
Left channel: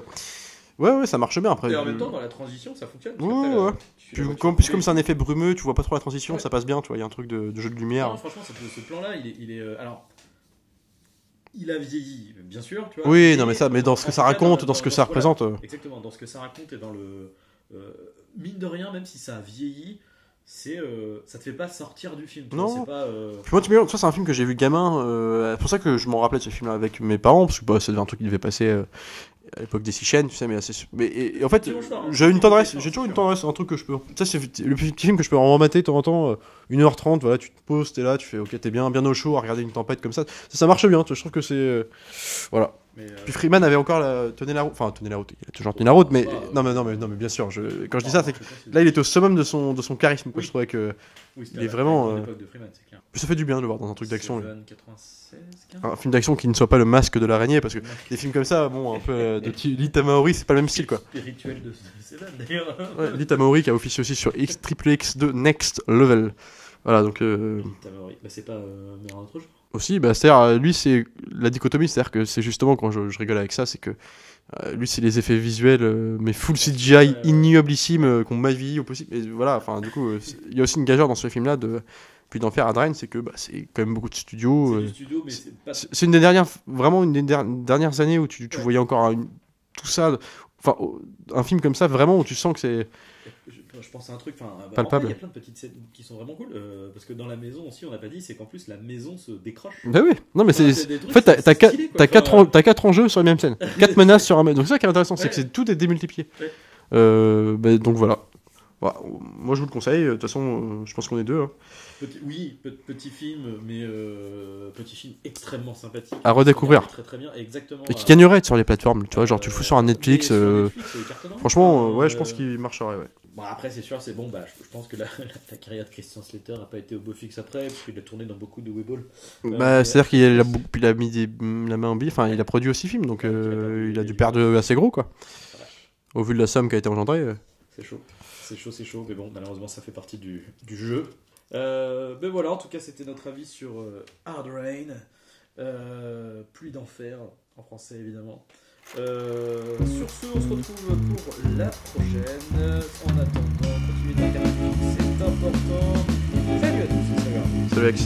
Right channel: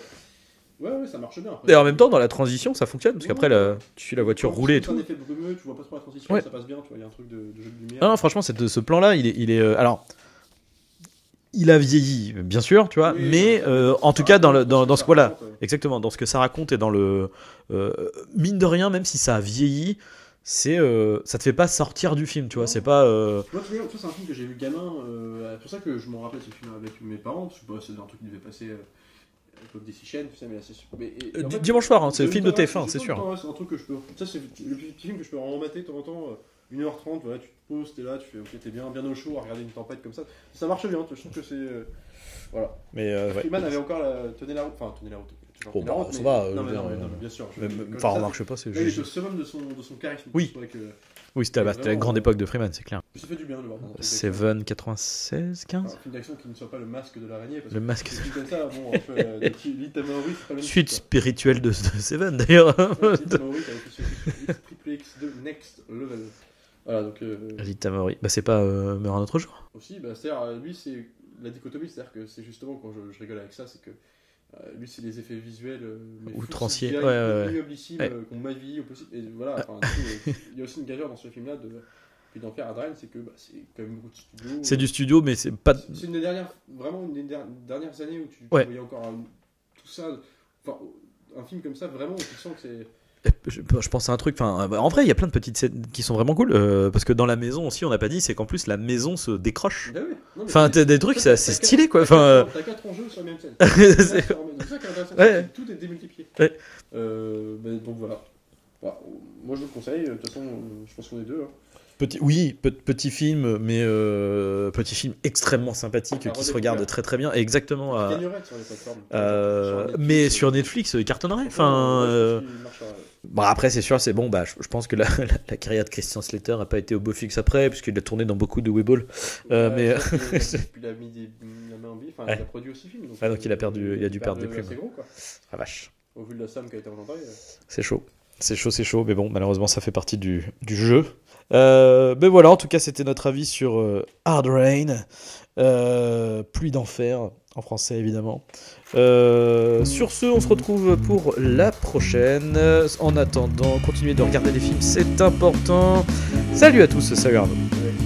Ouais, ça marche bien après. Et en même temps, dans la transition, ça fonctionne parce qu'après, tu suis la voiture rouler. Comme c'est un effet brumeux, tu vois pas trop la transition, ça passe bien, tu vois. Il y a un truc de jeu de lumière. Non, franchement, ce plan-là, il est alors. il a vieilli, bien sûr, tu vois. Oui, non, mais ça, mais dans ce en que tout ça cas, dans, raconte, dans, dans ce que dans ça ce voilà, représente. exactement, dans ce que ça raconte et dans le mine de rien, même si ça a vieilli, c'est ça te fait pas sortir du film, tu vois. Non. C'est pas. Puis moi, ça, c'est un film que j'ai vu gamin. C'est pour ça que je m'en rappelais de ce film avec mes parents, parce que bah, c'était un truc qui devait passer à l'époque des 6 chaînes, tu sais, mais assez. En fait, dimanche soir, hein, j'ai c'est une le film de tendresse, TF1, j'ai c'est toujours une sûr. tendresse, c'est un truc que je peux. Ça, c'est le petit film que je peux remater de temps en temps, 1h30, voilà, tu te poses, t'es là, tu fais, ok, t'es bien au chaud à regarder une tempête comme ça. Ça marche bien, je trouve que c'est. Voilà. Mais Puis Freeman avait encore tenait la route, il a toujours tenu la route, mais. Non, mais bien sûr, quand je dis ça, c'est que là, il était au summum de son charisme. Oui. Je trouvais que. oui, c'était vraiment, la grande époque de Freeman, c'est clair. Ça fait du bien de le voir dans un truc d'action. Seven, 96, 15. Un film d'action qui ne soit pas le masque de l'araignée, parce que Le masque. des films comme ça, bon, un peu de petit Lee Tamahori, c'est pas le même style Suite quoi. spirituelle de Seven d'ailleurs. Lee Tamahori qui a officié aussi sur XXX2 Next Level. Voilà, donc. Lee Tamahori. Bah, c'est pas Meurt un autre jour. Aussi, bah, c'est-à-dire, lui, c'est la dichotomie, c'est-à-dire que c'est justement quand je rigole avec ça, c'est que lui, c'est les effets visuels, mais full CGI, ouais. ignoblissime, qu'on m'a vie au possible. Et voilà, enfin, du coup, il y a aussi une gageure dans ce film-là puis d'en faire Hard Rain, c'est que bah, c'est quand même beaucoup de studios. C'est du studio, mais c'est pas. C'est une des dernières, vraiment une des dernières années où tu Ouais. voyais encore tout ça. Enfin, un film comme ça, vraiment, où tu sens que c'est. Je pense à un truc. Enfin, en vrai, il y a plein de petites scènes qui sont vraiment cool. Parce que dans la maison aussi, on n'a pas dit, c'est qu'en plus la maison se décroche. Bah oui, non mais Enfin, c'est t'as des trucs, en fait, c'est stylé quoi. T'as 4 enjeux sur la même scène. 4 menaces sur un même. Donc c'est ça qui est intéressant, c'est Ouais. que tout est démultiplié. Ouais. Bah, donc voilà. Voilà. Moi je vous le conseille. De toute façon, je pense qu'on est deux. Hein. Petit film, mais petit film extrêmement sympathique. À qui se redécouvrir. regarde très très bien. Exactement. Et qui gagnerait sur les plateformes. Tu vois, genre tu fous sur un Netflix. Mais sur Netflix, il cartonnerait. Franchement, Enfin, ouais, je pense qu'il marcherait. Ouais. Bon, après, c'est sûr, c'est bon. Bah, je pense que la carrière de Christian Slater n'a pas été au beau fixe après, puisqu'il a tourné dans beaucoup de Weeble. Bah, c'est-à-dire qu'il a mis la main en bille. Enfin, il a produit aussi film, donc Ouais, donc il a perdu- il il a a dû dû perdre perdre. assez gros quoi. La vache. Au vu de la somme qui a été engendrée. C'est chaud. C'est chaud. Mais bon, malheureusement, ça fait partie du jeu. Mais voilà, en tout cas, c'était notre avis sur Hard Rain. Pluie d'enfer, en français évidemment. Sur ce, on se retrouve pour la prochaine. En attendant, continuez de regarder les films, c'est important. Salut à tous, salut Arnaud. Salut Alex.